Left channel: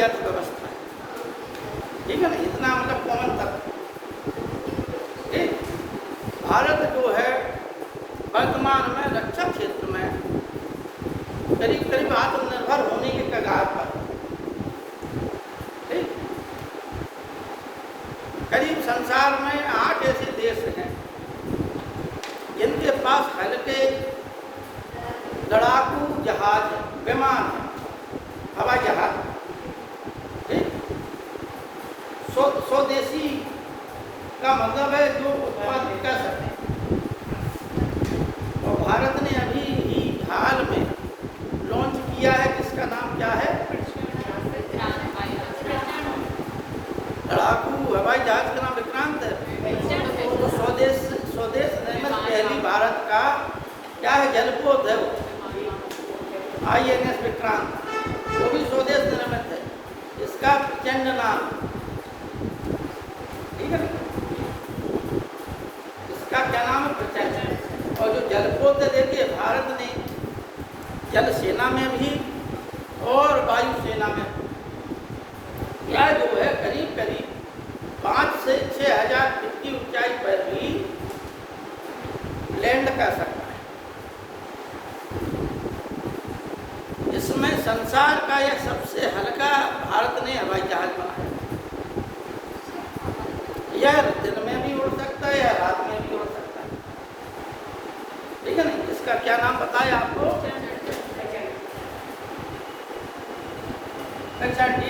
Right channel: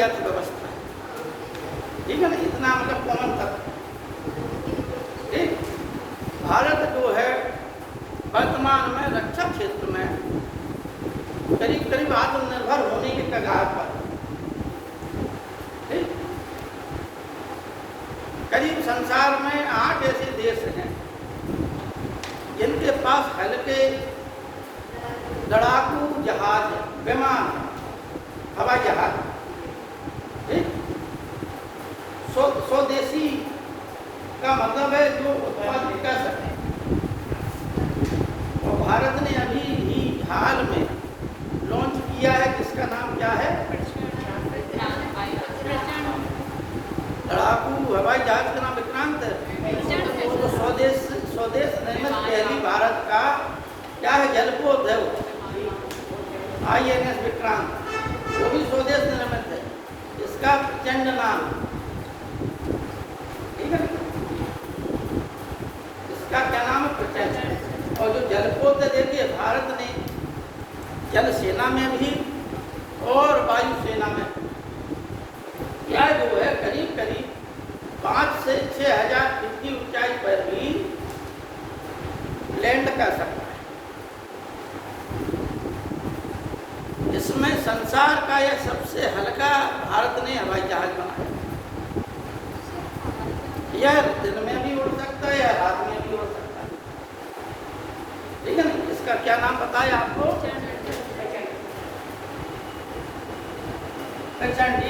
हमारी अर्थव्यवस्था, ठीक है ना, इतना मतलब कॉमन था। भारत जो है वर्तमान में रक्षा क्षेत्र में करीब करीब आत्मनिर्भर होने के कगार पर। करीब संसार में 8 ऐसे देश हैं जिनके पास हल्के लड़ाकू जहाज, विमान, हवाई जहाज, स्वदेशी का मतलब है जो उत्पादित कर सके। और भारत ने अभी ही हाल में लॉन्च किया है, जिसका नाम क्या है, लड़ाकू हवाई जहाज का नाम विक्रांत है। तो स्वदेश निर्मित पहली भारत का क्या है, जलपोत है वो, INS विक्रांत, वो भी स्वदेश निर्मित है। इसका प्रचंड नाम, ठीक है, इसका क्या नाम है, प्रचंड। और जो जलपोत है, देखिए भारत ने जल सेना में भी और वायु सेना में यह जो है करीब करीब 5 से 6 हजार फीट की ऊंचाई पर भी लैंड कर सकता है। इसमें संसार का यह सबसे हल्का भारत ने हवाई जहाज बनाया। यह दिन में भी उड़ सकता है या रात में भी उड़ सकता है, ठीक है ना। इसका क्या नाम बताया आपको,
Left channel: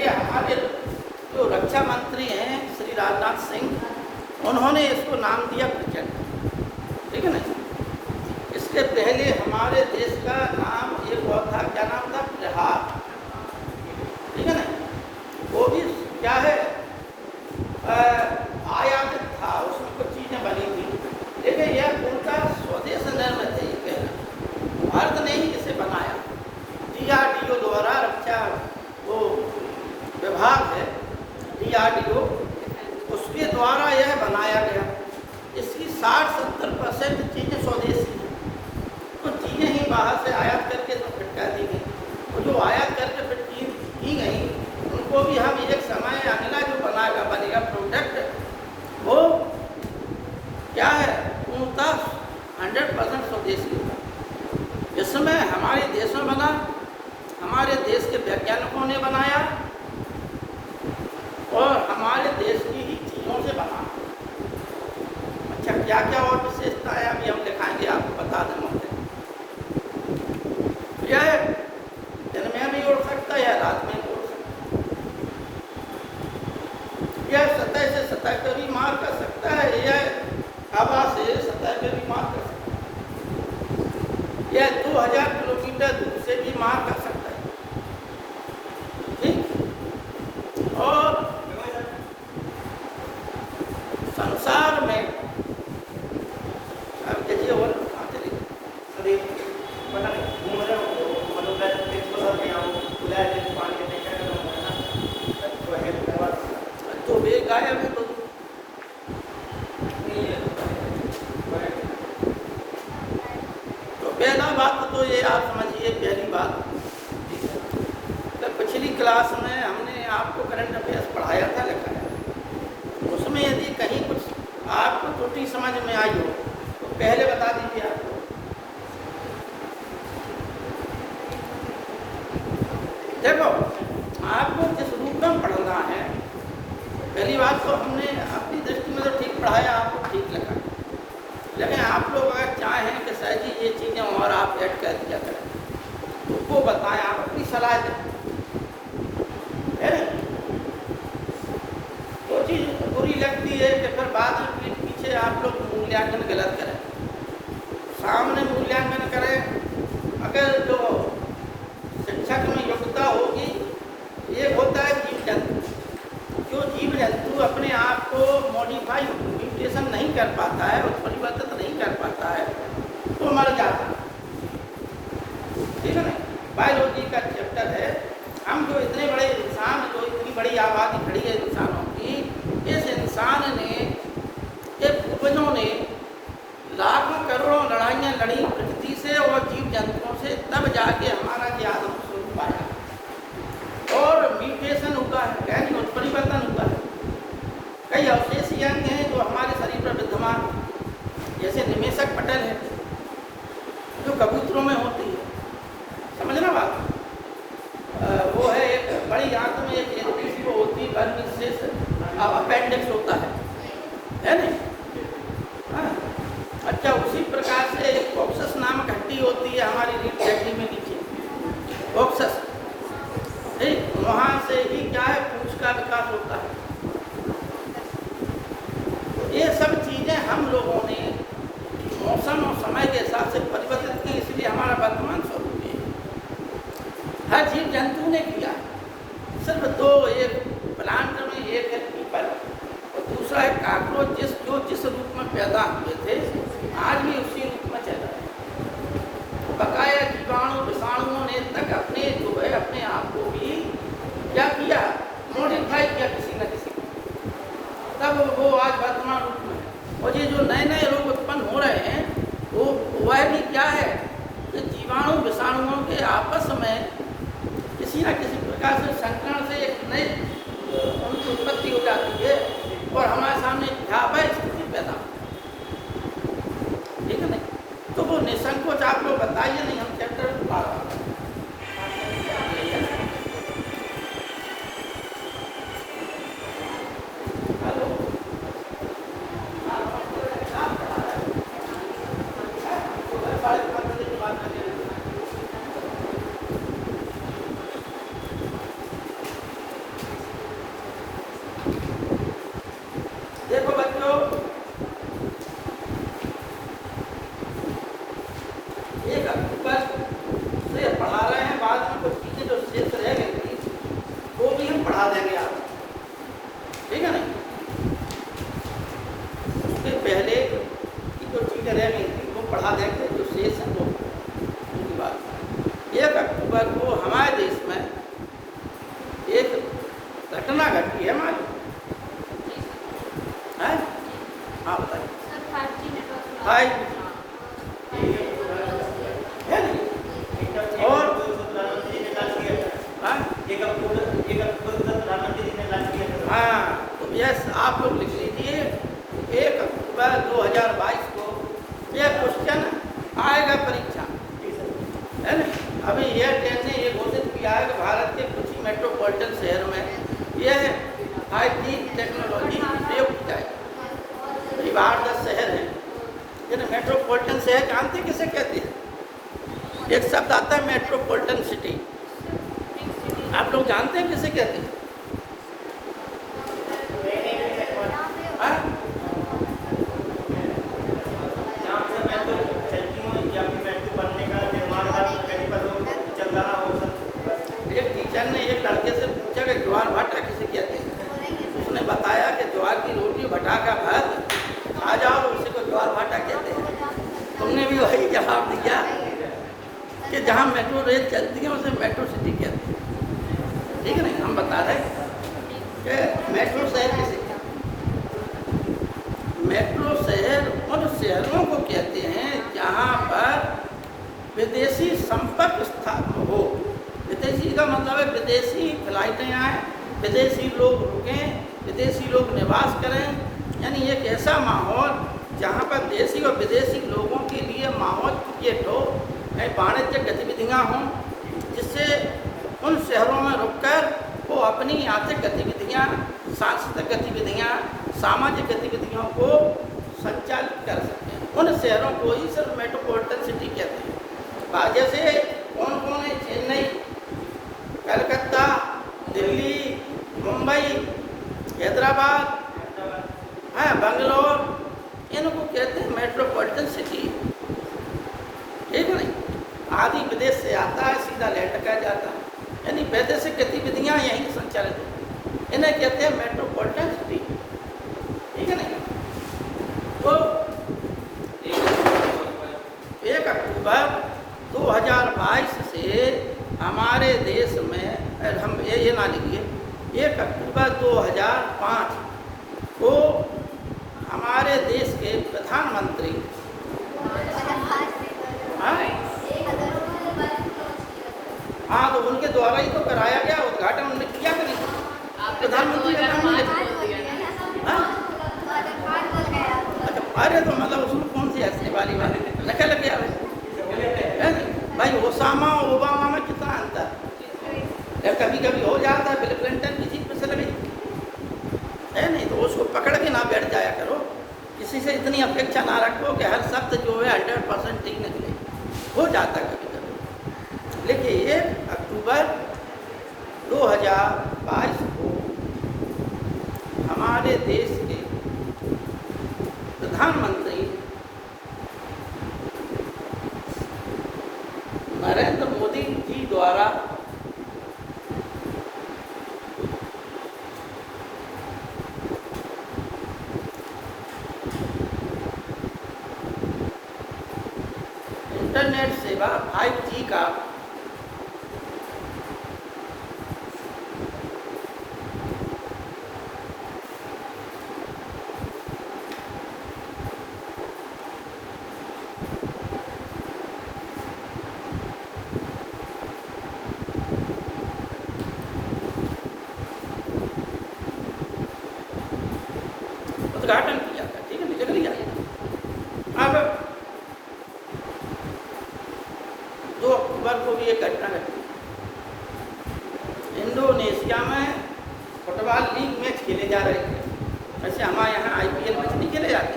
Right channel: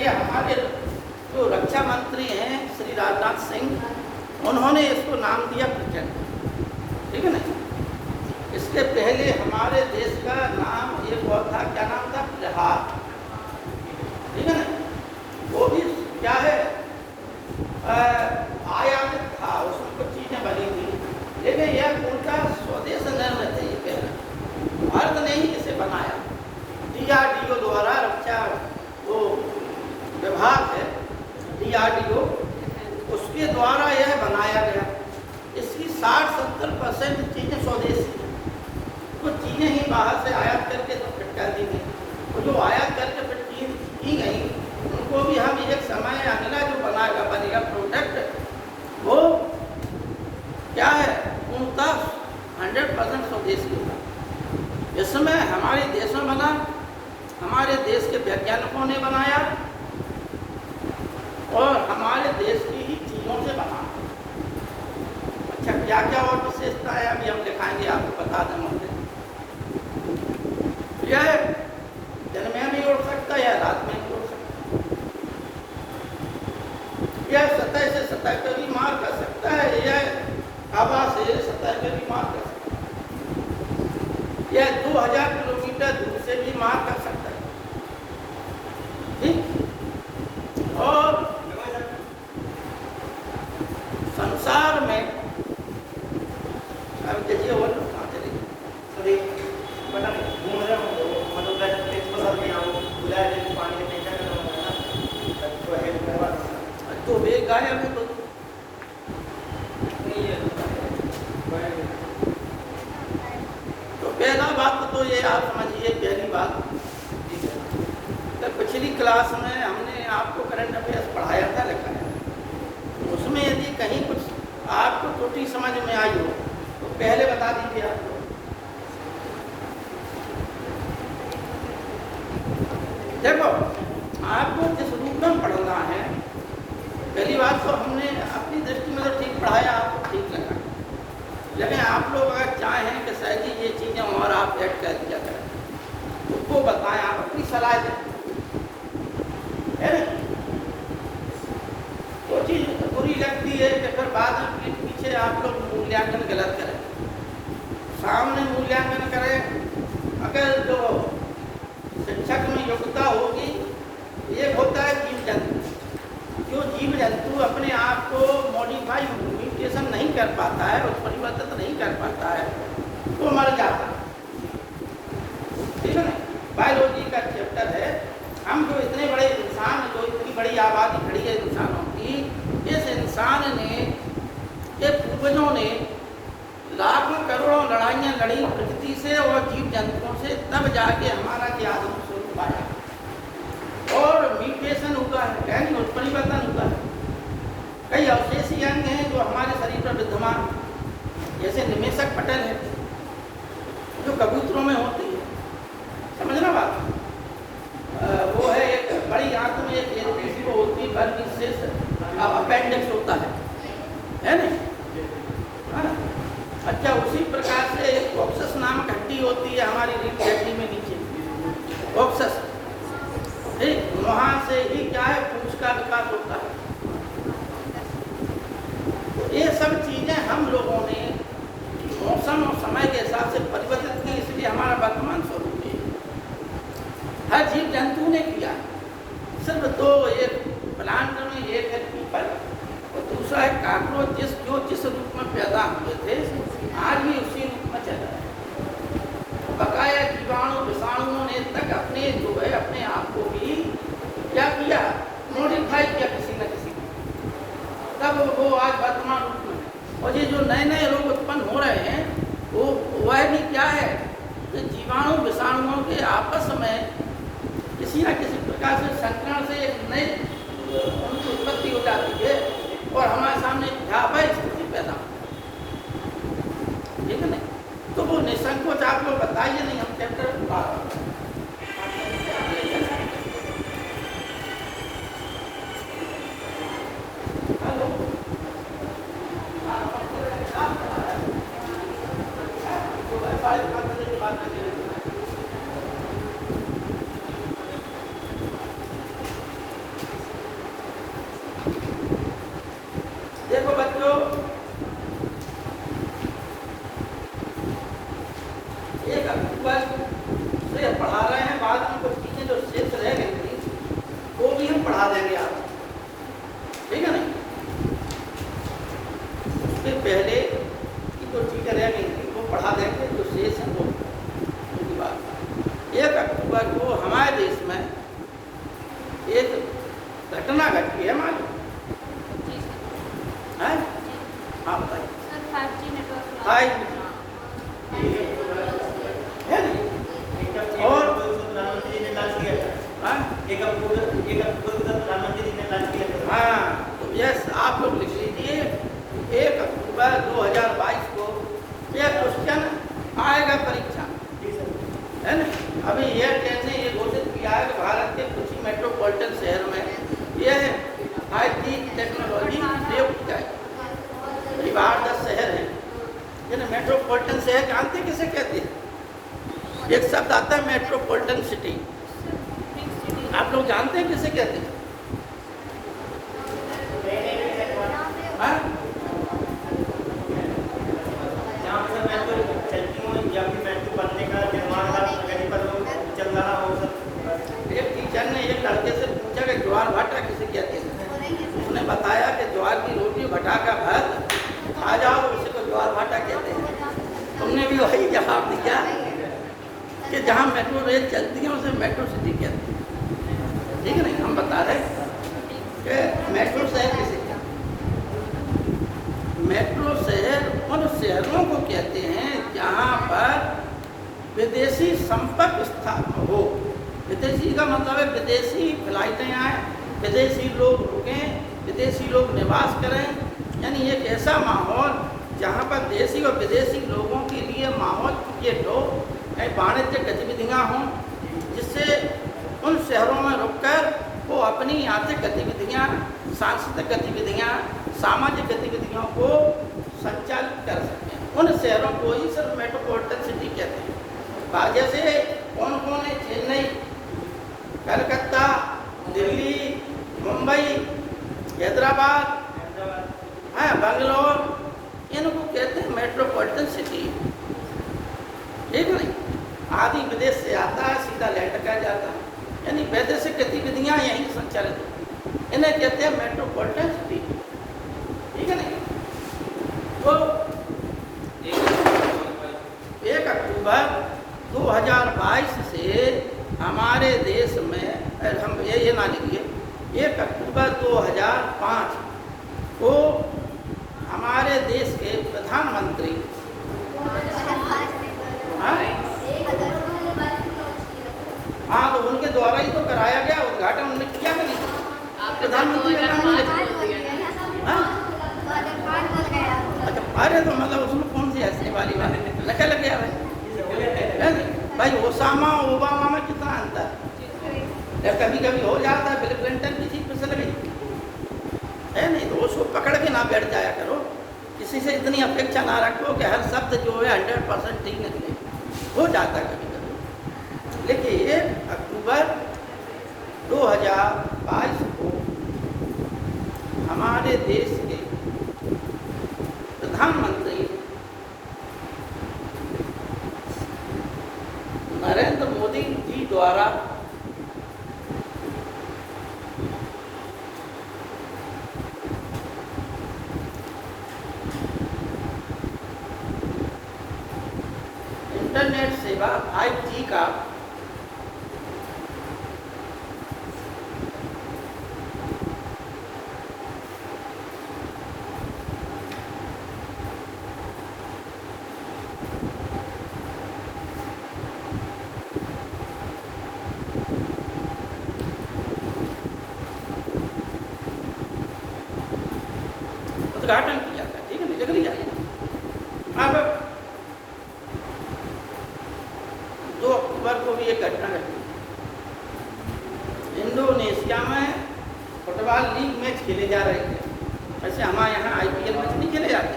ये हमारे जो रक्षा मंत्री हैं श्री राजनाथ सिंह, उन्होंने इसको नाम दिया प्रचंड, ठीक है ना। इसके पहले हमारे देश का नाम एक और था, क्या नाम था, प्रहार, ठीक है ना। वो भी क्या है, आयातित था, उसमें कुछ चीजें बनी थी, लेकिन यह उनका स्वदेश निर्मित है। ये पहले भारत ने ही इसे बनाया, DRDO द्वारा, रक्षा वो विभाग है DRDO, उसके द्वारा यह बनाया गया। इसकी 60-70% चीजें स्वदेशी, कुछ चीजें ही बाहर से आयात करके फिट कर दी गई। जो आयात करके फिट की गई उनको भी हम एक समय अगला जो बनेगा प्रोडक्ट, वो क्या है, उनका 100% स्वदेशी है। इसमें हमारे देश में बना, हमारे देश के वैज्ञानिकों ने बनाया और हमारे देश की ही चीजों से बना। अच्छा, क्या क्या और विशेषता है अभी हम दिखाएंगे, आपको बता दूंगा। यह दिन में भी उड़ सकता है या रात में भी उड़ सकता है। यह सतह से सतह पर भी मार कर सकता है, यह हवा से सतह पर भी मार कर सकता है, यह 2000 किलोमीटर दूर से भी मार कर सकता है, ठीक। और संसार में अब देखिए और सभी बना घूम रहे हो, मतलब एक तो सब यहाँ खुला है, पानी में क्या करना है ना, तो है तो वे गाय में तो पहला बात तो ये आप समझिए, पहली बात, तो पिछली क्लास में हमने आपको करंट अफेयर्स पढ़ाया था, लिखा है, उसमें यदि कहीं कुछ आपको त्रुटि समझ में आई हो तो पहले बता दीजिए आपको। देखो, आपको किस रूप में पढ़ना है, पहली बात तो हमने अपनी दृष्टि में तो ठीक पढ़ाया, आपको ठीक लगा, लेकिन आप लोग अगर चाहें कि सर जी ये चीज़ें और आप ऐड कर दिया करें तो वो बताएं, आप अपनी सलाह दें, है ना। तो चीज़ बुरी लगती है कि फिर बाद में पीछे आप लोग मूल्यांकन गलत करें, सामने मूल्यांकन करें। अगर जो शिक्षक में योग्यता होगी, एक होता है जीव जंतु, जो जीव जंतु अपने आप को मॉडिफाई, म्यूटेशन नहीं कर पाता है, वो परिवर्तित नहीं कर पाता है, तो मर जाता है, ठीक है ना। बायोलॉजी का चैप्टर है। हम जो इतने बड़े इंसान, जो इतनी बड़ी आबादी खड़ी है इंसानों की, इस इंसान ने, के पूर्वजों ने लाखों करोड़ों लड़ाइयाँ लड़ी प्रकृति से और जीव जंतुओं से, तब जाके हमारा ज्ञान स्वरूप आया और म्यूटेशन ऐसी अंग हैं जो हमारे शरीर में विद्यमान, जैसे निमेशक पटल है जो कबूतरों में होती है, समझना बात। वो है एक बड़ी आंख में एक एलपी सी वो होती है, बल्कि विशेष अपेंडिक्स होता है ना। हाँ? अच्छा, उसी प्रकार से एक ऑक्सस नामक हड्डी होती है हमारी रीढ़ की हड्डी में नीचे, ऑक्सस, ठीक, वहाँ से ही क्या है पूंछ का विकास होता है। तो ये सब चीजें हम लोगों ने मौसम और समय के हिसाब से परिवर्तित किया, इसलिए हमारा वर्तमान स्वरूप है। हर जीव जंतु ने किया, सिर्फ दो, एक प्लांट में, एक है पीपल और दूसरा है कॉकरोच, जो जिस रूप में पैदा हुए थे आज भी उसी रूप में चल रहा है। बकाया जीवाणु विषाणुओं ने तक अपने जो है अपने आप को भी क्या किया, मॉडिफाई किया किसी न किसी, तब वो आज वर्तमान रूप में। और ये जो नए नए रोग उत्पन्न हो रहे हैं वो वह भी क्या है, ये जीवाणु विषाणुओं के आपस में किसी न किसी प्रकार से संक्रमण से एक नई उनकी उत्पत्ति हो जाती है और हमारे सामने ढाबा स्थिति पैदा, ठीक है ना। तो वो निसंकोच आप लोग बताइए, नहीं हम चैप्टर देखो बच्चों, एक अक्टूबर से पढ़ा रहे हैं, बाद में कुछ चीजें जो शेष रह गई थी वो भी हम पढ़ा देंगे आप, ठीक है नहीं। उसके पहले की जो चीजें रह गई थी वो पढ़ा देंगे, जो शेष है वो उनकी बात। 1 अक्टूबर को हमारे देश में एक घटना घटी है हमारे, आप लोग लिख लीजिए 1 अक्टूबर 2022 को ये क्वेश्चन आएगा परीक्षा, है ना। अभी ये कैसे ये घोषित किया है कि भारत के किसी मेट्रोपॉलिटन शहर में ये 5G टेक्नोलॉजी प्रयुक्त है। ये बाहर 10 शहर है, ये मेट्रोपॉलिटन शहर जानते किसे कहते हैं? एक शब्द आता है मेट्रोपॉलिटन सिटी, आप लोग जानते हैं किसे कहते हैं? ज्वार भाटा किसे कहते हैं? उसने बताया कि ज्वार की रोटी भटा का भात आ जाओ, इसी को ज्वार भाटा कहते हैं। तुमने भी वही जवाब दिया कि जहाँ मेट्रो रेल चलती है उसे मेट्रो सिटी कहते हैं, ठीक है ना। हम बता रहे कि मेट्रो शहर किसे, मेट्रो शहर उन शहरों को कहते हैं जहाँ पर विदेशी संपर्क स्थापना हो। विदेशी का मतलब है विदेशी फ्लाइटें आए, विदेशी लोग रुकें, विदेशी लोग निवास करें, यानी एक ऐसा माहौल जहाँ पर देशी और विदेशी लोगों के लिए माहौल क्रिएट हो, वाणिज्य गतिविधियाँ हों, जिससे उन शहरों में रुककर वो अपनी आर्थिक गतिविधियाँ, सांस्कृतिक गतिविधियाँ, सामाजिक गतिविधियों को संचालित कर सकें। उन शहरों को ही सिर्फ मेट्रोपॉलिटन सिटी कहते हैं। जैसे कौन कौन है? चेन्नई, कलकत्ता, दिल्ली, मुंबई, हैदराबाद, बेंगलोर, इनको कहते हैं मेट्रोपॉलिटन सिटी, ठीक है। आदि विदेश से आता है, सीधा लैंड कर जाता है, यानी वैदेशिक गतिविधियाँ यहीं संचालित होती, इन्हें कहते हैं मेट्रोपॉलिटन सिटी, ठीक है ना। तो 1 अक्टूबर 2022 से हमारे देश में हम ये ना लिखिए, 1 अक्टूबर 2005 को हमारे देश के प्रधानमंत्री, हाँ, तो उनके द्वारा ही तो कराया गया उद्घाटन, उन्होंने किया कि नहीं? प्रधानमंत्री का नाम नहीं लिखा, अरे तो मतलब उसमें कौन सी हंसने वाली बात है? नकल गया है भाई। ओसामा और ओबामा में कितना अंतर है? कभी कभी हो जाता है, बिल क्लिंटन की सीट पर चले गई है नहीं, तो उसको पकड़ के ना बैठ जाया करो। किसी से इतनी अपेक्षा ना रखो कि हर शब्द जो है 100% ठीक निकले। हो जाता है कभी कभी। देखिए, अक्टूबर 2022 को हमारे देश के प्रधानमंत्री नरेंद्र मोदी जी द्वारा इंटरनेट सेवा 5G का उद्घाटन किया था। ठीक है, निकल लिया। अब 2 अक्टूबर को भी एक घटना घटी। इंडोनेशिया में फुटबॉल लीग मैच खेले जा रहे थे। जैसे हमारे यहाँ IPL मैच नहीं खेले जाते,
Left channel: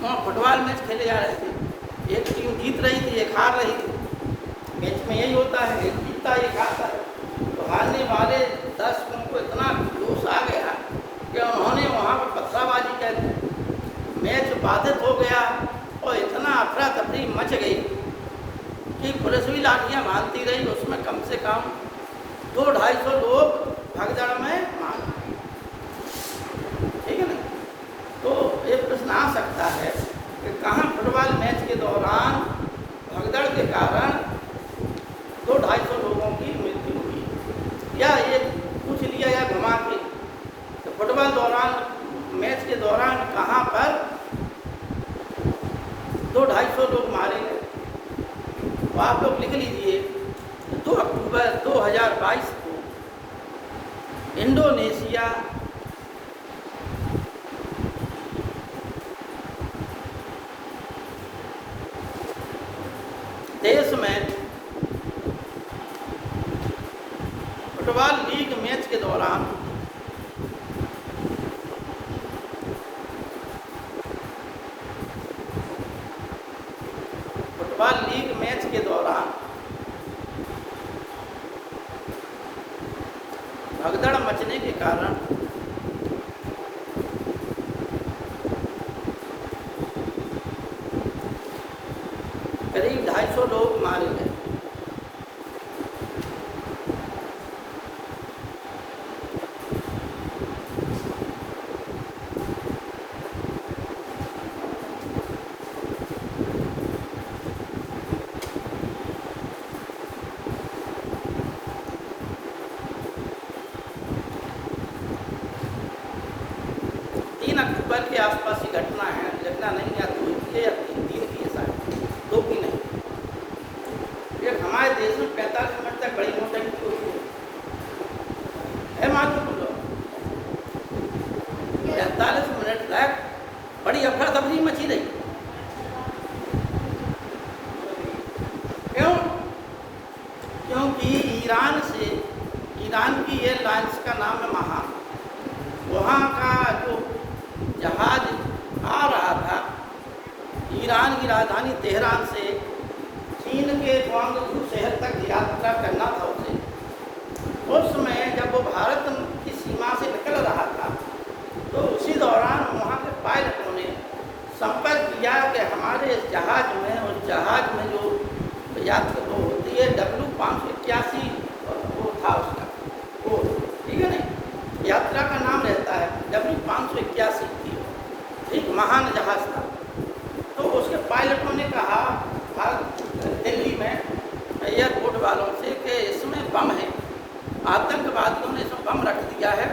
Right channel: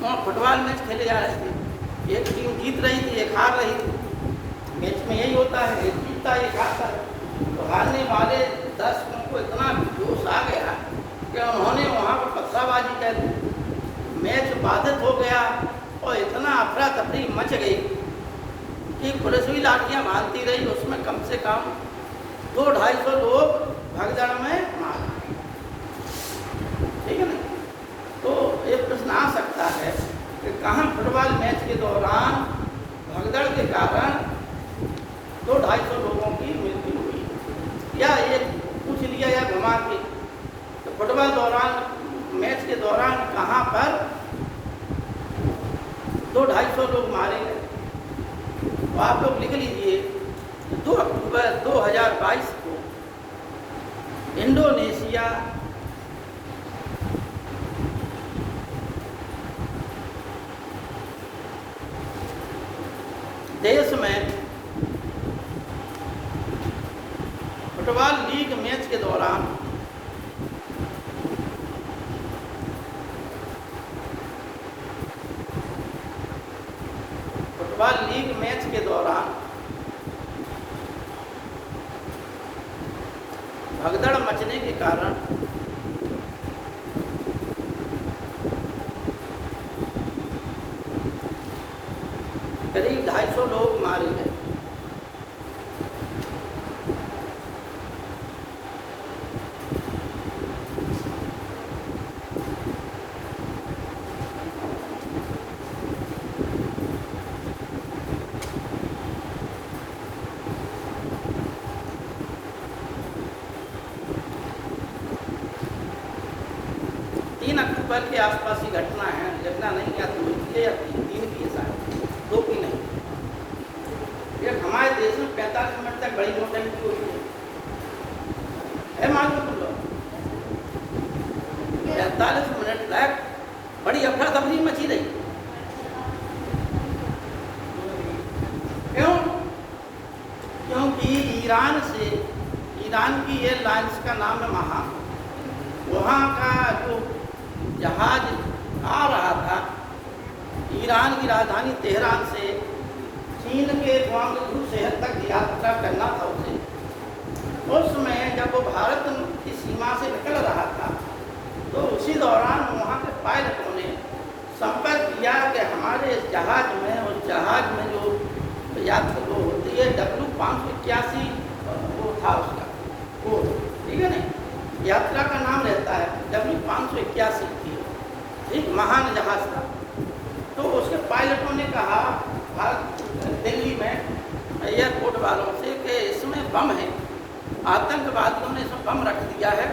वहाँ फुटबॉल मैच खेले जा रहे थे। एक टीम जीत रही थी, एक हार रही थी। मैच में यही होता है, एक जीतता एक हारता। तो हारने वाले दर्शकों को इतना जोश आ गया कि उन्होंने वहाँ पर पत्थरबाजी कर दी। मैच बाधित हो गया और इतना अफरा तफरी मच गई कि पुलिस भी लाठियाँ मारती रही। उसमें कम से कम 200-250 लोग भगदड़ में मारा। ठीक है ना? तो एक प्रश्न आ सकता है कि कहाँ फुटबॉल मैच के दौरान भगदड़ के कारण 200-250 लोगों की मृत्यु हुई, या ये पूछ लिया या घुमा के तो फुटबॉल दौरान मैच के दौरान कहाँ पर 200-250 लोग मारे गए? तो आप लोग लिख लीजिए, 2 अक्टूबर 2022 को इंडोनेशिया देश में फुटबॉल लीग मैच के दौरान भगदड़ मचने के कारण करीब 250 लोग मारे गए। के आसपास की घटना है, देखना नहीं या तो पिछले या 3 की साथ 2 की नहीं। ये हमारे देश में 45 मिनट तक बड़ी नोटबंदी हुई है। मालूम लो 45 मिनट तक बड़ी अफरा तफरी मची रही। क्यों? क्योंकि ईरान की एयरलाइंस का नाम है महा, वहाँ का जो जहाज आ रहा था ईरान की राजधानी तेहरान से चीन के ग्वांगझू शहर तक यात्रा करना था उसे। उस समय जब वो भारत की सीमा से निकल रहा था तो उसी दौरान वहाँ के पायलटों ने संपर्क किया कि हमारे इस जहाज में, उस जहाज में जो यात्रा वो होती है W581 वो था उसका वो, ठीक है नहीं, यात्रा का नाम रहता है W581 थी, एक महान जहाज था। तो उसके पायलटों ने कहा दिल्ली में एयरपोर्ट वालों से कि इसमें बम है, आतंकवादियों ने इसमें बम रख दिया है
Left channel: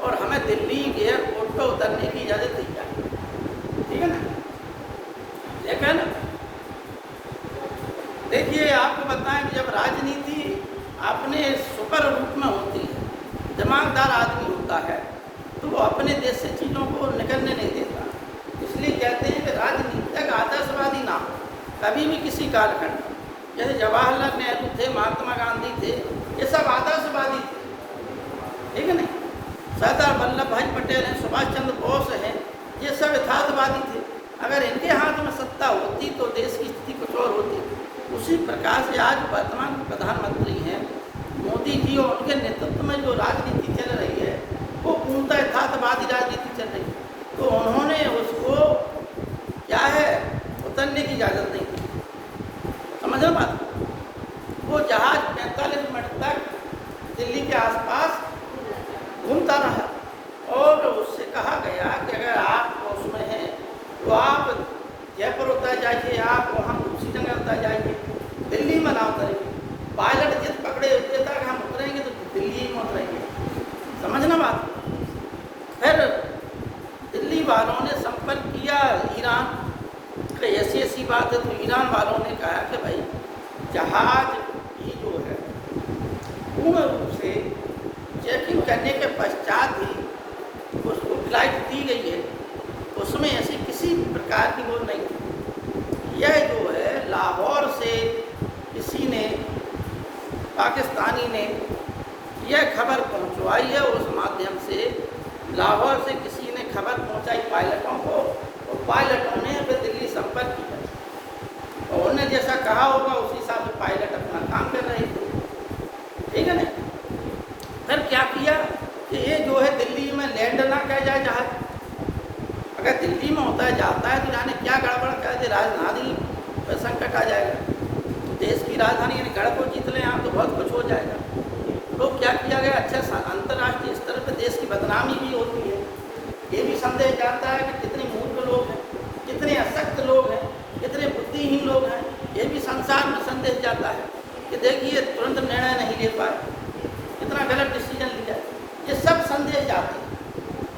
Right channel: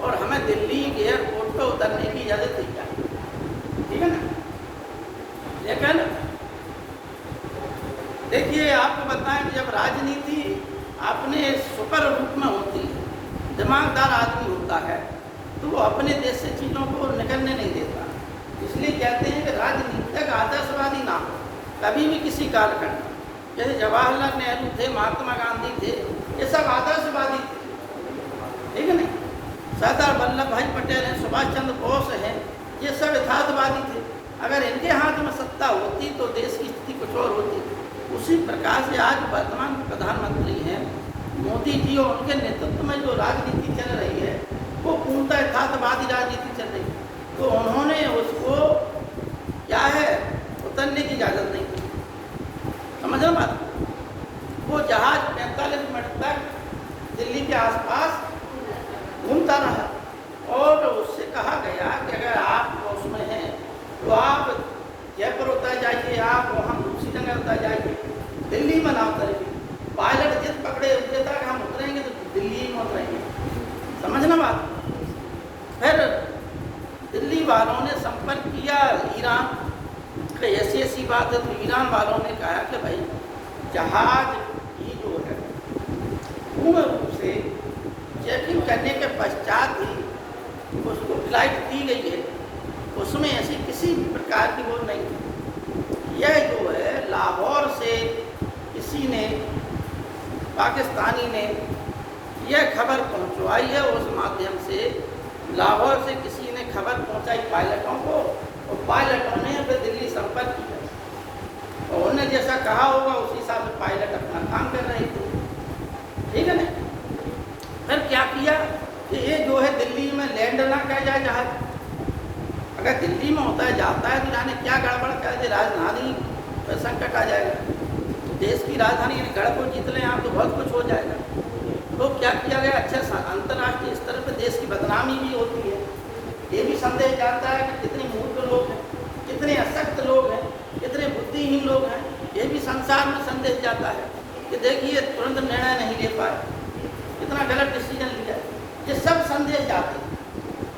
और हमें दिल्ली एयरपोर्ट पर उतरने की इजाज़त दी जाए। ठीक है ना? लेकिन देखिए, आपको बताएं कि जब राजनीति अपने सुपर रूप में होती है, दिमागदार आदमी होता है तो वो अपने देश से चीज़ों को निकलने नहीं देता। कालखंड, जैसे जवाहरलाल नेहरू थे, महात्मा गांधी थे, ये सब आदर्शवादी थे, ठीक है ना। सरदार वल्लभ भाई पटेल हैं, सुभाष चंद्र बोस हैं, ये सब यथार्थवादी थे। अगर इनके हाथ में सत्ता होती तो देश की स्थिति कुछ और होती। उसी प्रकार से आज वर्तमान प्रधानमंत्री हैं मोदी जी, और उनके नेतृत्व में जो राजनीति चल रही है वो पूर्णतः यथार्थवादी राजनीति चल रही है। तो उन्होंने उसको क्या है, उतरने की इजाज़त नहीं दी। समझो बात। वो जहाज 45 मिनट तक दिल्ली के आसपास घूमता रहा और उससे कहा गया कि अगर आप उसमें हैं तो आप जयपुर उतर जाइए, आप वहाँ दूसरी जगह उतर जाइए, दिल्ली में ना उतरेंगे। पायलट जिद पकड़े हुए था कि हम उतरेंगे तो दिल्ली में उतरेंगे। समझना बात। फिर दिल्ली वालों ने संपर्क किया ईरान, तो ऐसी बात है तो ईरान वालों ने कहा कि भाई जहाज ही जो है पूर्ण रूप से चेकिंग करने के पश्चात ही उसको फ्लाइट दी गई है, उसमें ऐसी किसी भी प्रकार की वो नहीं थी। यह जो है लाहौर से किसी ने, पाकिस्तानी ने यह खबर पहुंचवाई है, उस माध्यम से लाहौर से किसी ने खबर पहुंचाई पायलटों को, और पायलटों ने फिर दिल्ली संपर्क किया और उन्होंने जैसा कहा होगा उसी हिसाब से पायलट अपना काम कर रहे थे, ठीक है ना। फिर क्या किया कि ये जो है दिल्ली में लैंड ना किया जाए जहाज। अगर दिल्ली में होता जाता है तो जाने क्या गड़बड़ कर दे, राजधानी पर संकट आ जाएगा। देश की राजधानी गड़बड़ जीत लें आप तो बहुत कुछ हो जाएगा। तो क्या किया गया, अच्छा अंतर्राष्ट्रीय स्तर पर देश की बदनामी भी होती है। ये भी संदेश जाता है कि कितने मूर्ख लोग हैं, कितने अशक्त लोग हैं, कितने बुद्धिहीन लोग हैं। ये भी संसार में संदेश जाता है कि देखिए तुरंत निर्णय नहीं ले पाए, इतना गलत डिसीजन लिया। ये सब संदेश जाते हैं।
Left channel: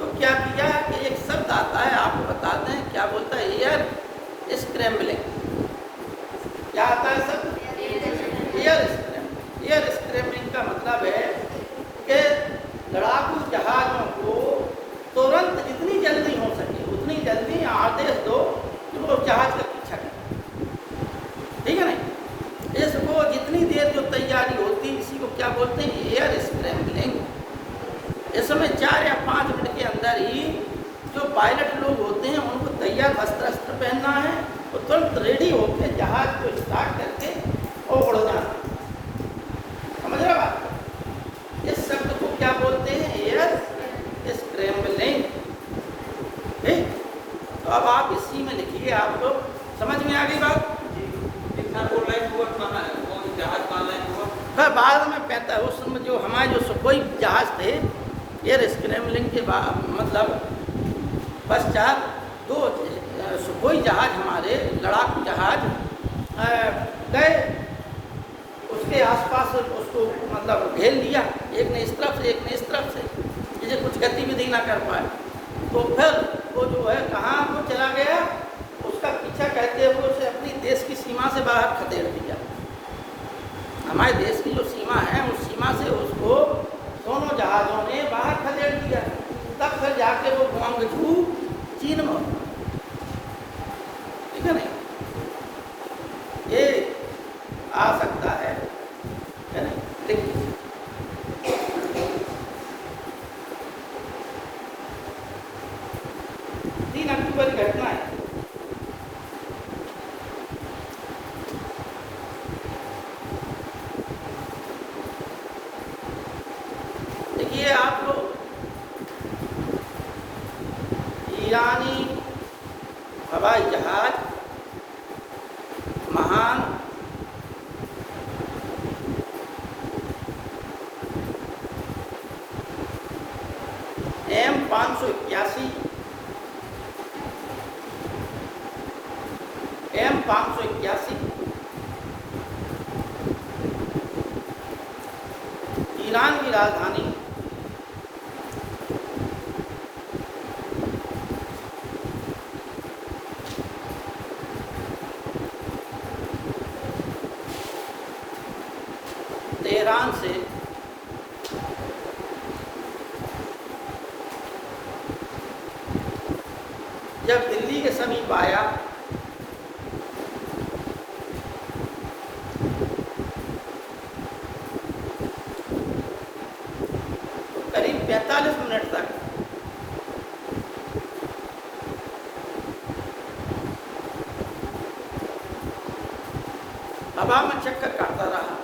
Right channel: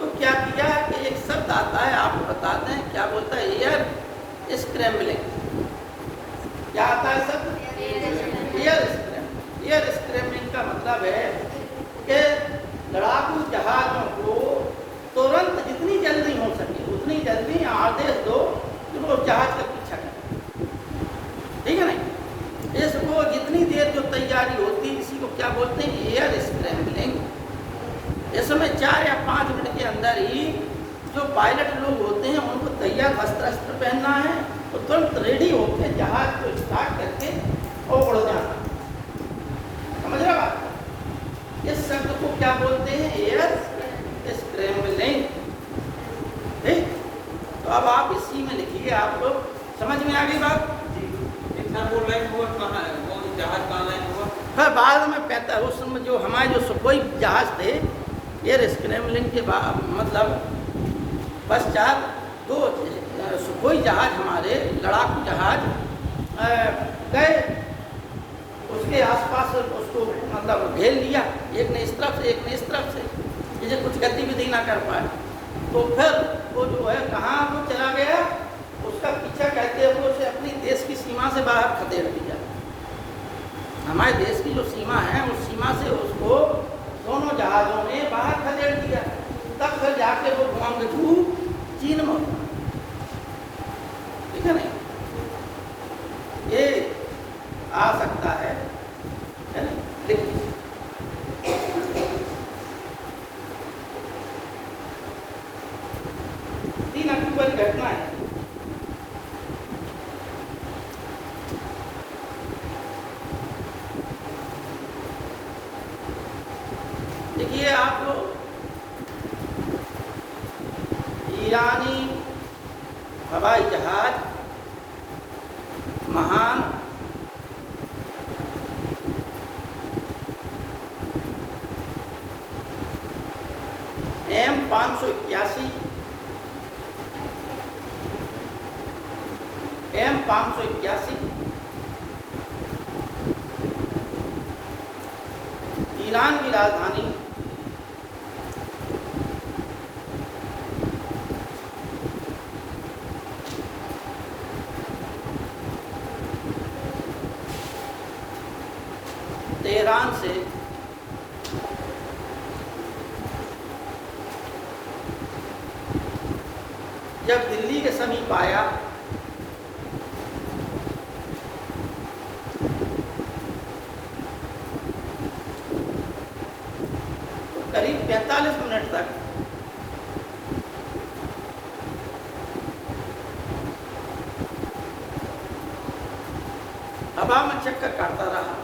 तो क्या किया कि एक शब्द आता है, आपको बताते हैं क्या बोलता है, एयर स्क्रैम्बलिंग। क्या आता है शब्द? एयर स्क्रैम्बलिंग का मतलब है कि लड़ाकू जहाजों को तुरंत जितनी जल्दी हो सके उतनी जल्दी आदेश दो कि वो जहाज का पीछा करें, ठीक है ना। इसको जितनी देर जो तैयारी होती है इसी को क्या बोलते हैं, एयर स्क्रैम्बलिंग। इसमें 4 या 5 मिनट के अंदर ही जो पायलट लोग होते हैं उनको तैयार अस्त्र पहनना है, तो तुरंत रेडी होते हैं जहाज को स्टार्ट करके और उड़ जाना। समझ रहे बात। इस शब्द को क्या बोलते हैं, एयर स्क्रैम्बलिंग। तो अब आप इसी में लिखिए, आपको समझ में आ गई बात। बाद में कहता है उस समय जो हमारे जो सुखोई जहाज थे, एयर स्क्रैम्बलिंग के बाद मतलब पश्चात 2 सुखोई जहाज हमारे लड़ाकू जहाज गए, उसके आसपास उसको मतलब घेर लिया, एक ने इस तरफ से एक ने इस तरफ से, इसे कुछ गतिविधि ना कर पाए। तो फिर वो जो है कहाँ को चला गया, उसका पीछा करते हुए उसे अपनी देश की सीमा से बाहर खदेड़ दिया। हमारे देश की जो सीमा है उस सीमा से उसको दोनों जहाज़ों ने बाहर खदेड़ दिया। तब फिर जाके वो ग्वांगझू चीन में, ठीक है नहीं, ये आ सकता है ना। 3 अक्टूबर की घटना है। देखिए आप ईरानी हवाई जहाज महान M581 ईरान की राजधानी तेहरान से जब दिल्ली के समीप आया 45 मिनट तक हवा में चक्कर काटता रहा।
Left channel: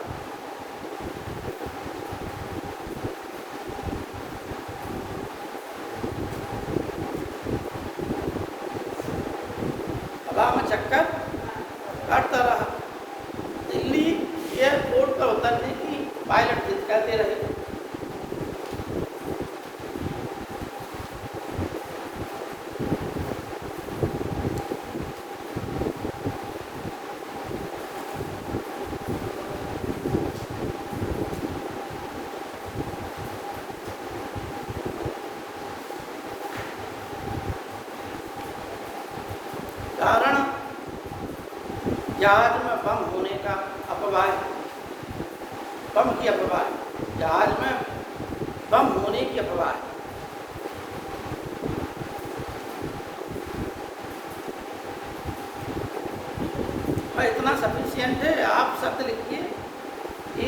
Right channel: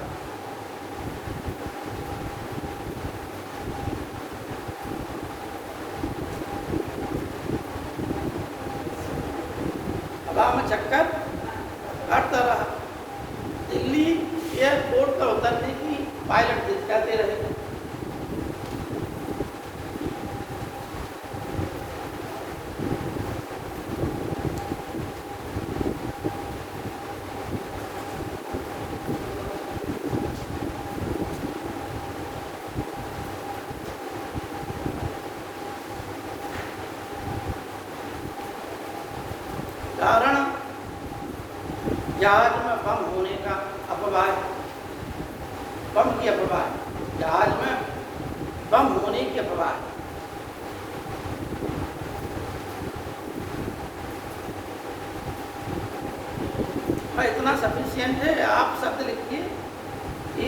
हवा में चक्कर काटता रहा। दिल्ली एयरपोर्ट पर उतरने की पायलट दिखाते रहे। कारण जहाज में बम होने का अफवाह, बम की अफवाह, जहाज में बम होने की अफवाह। इतना सफिशियंट है। आप शब्द लिखिए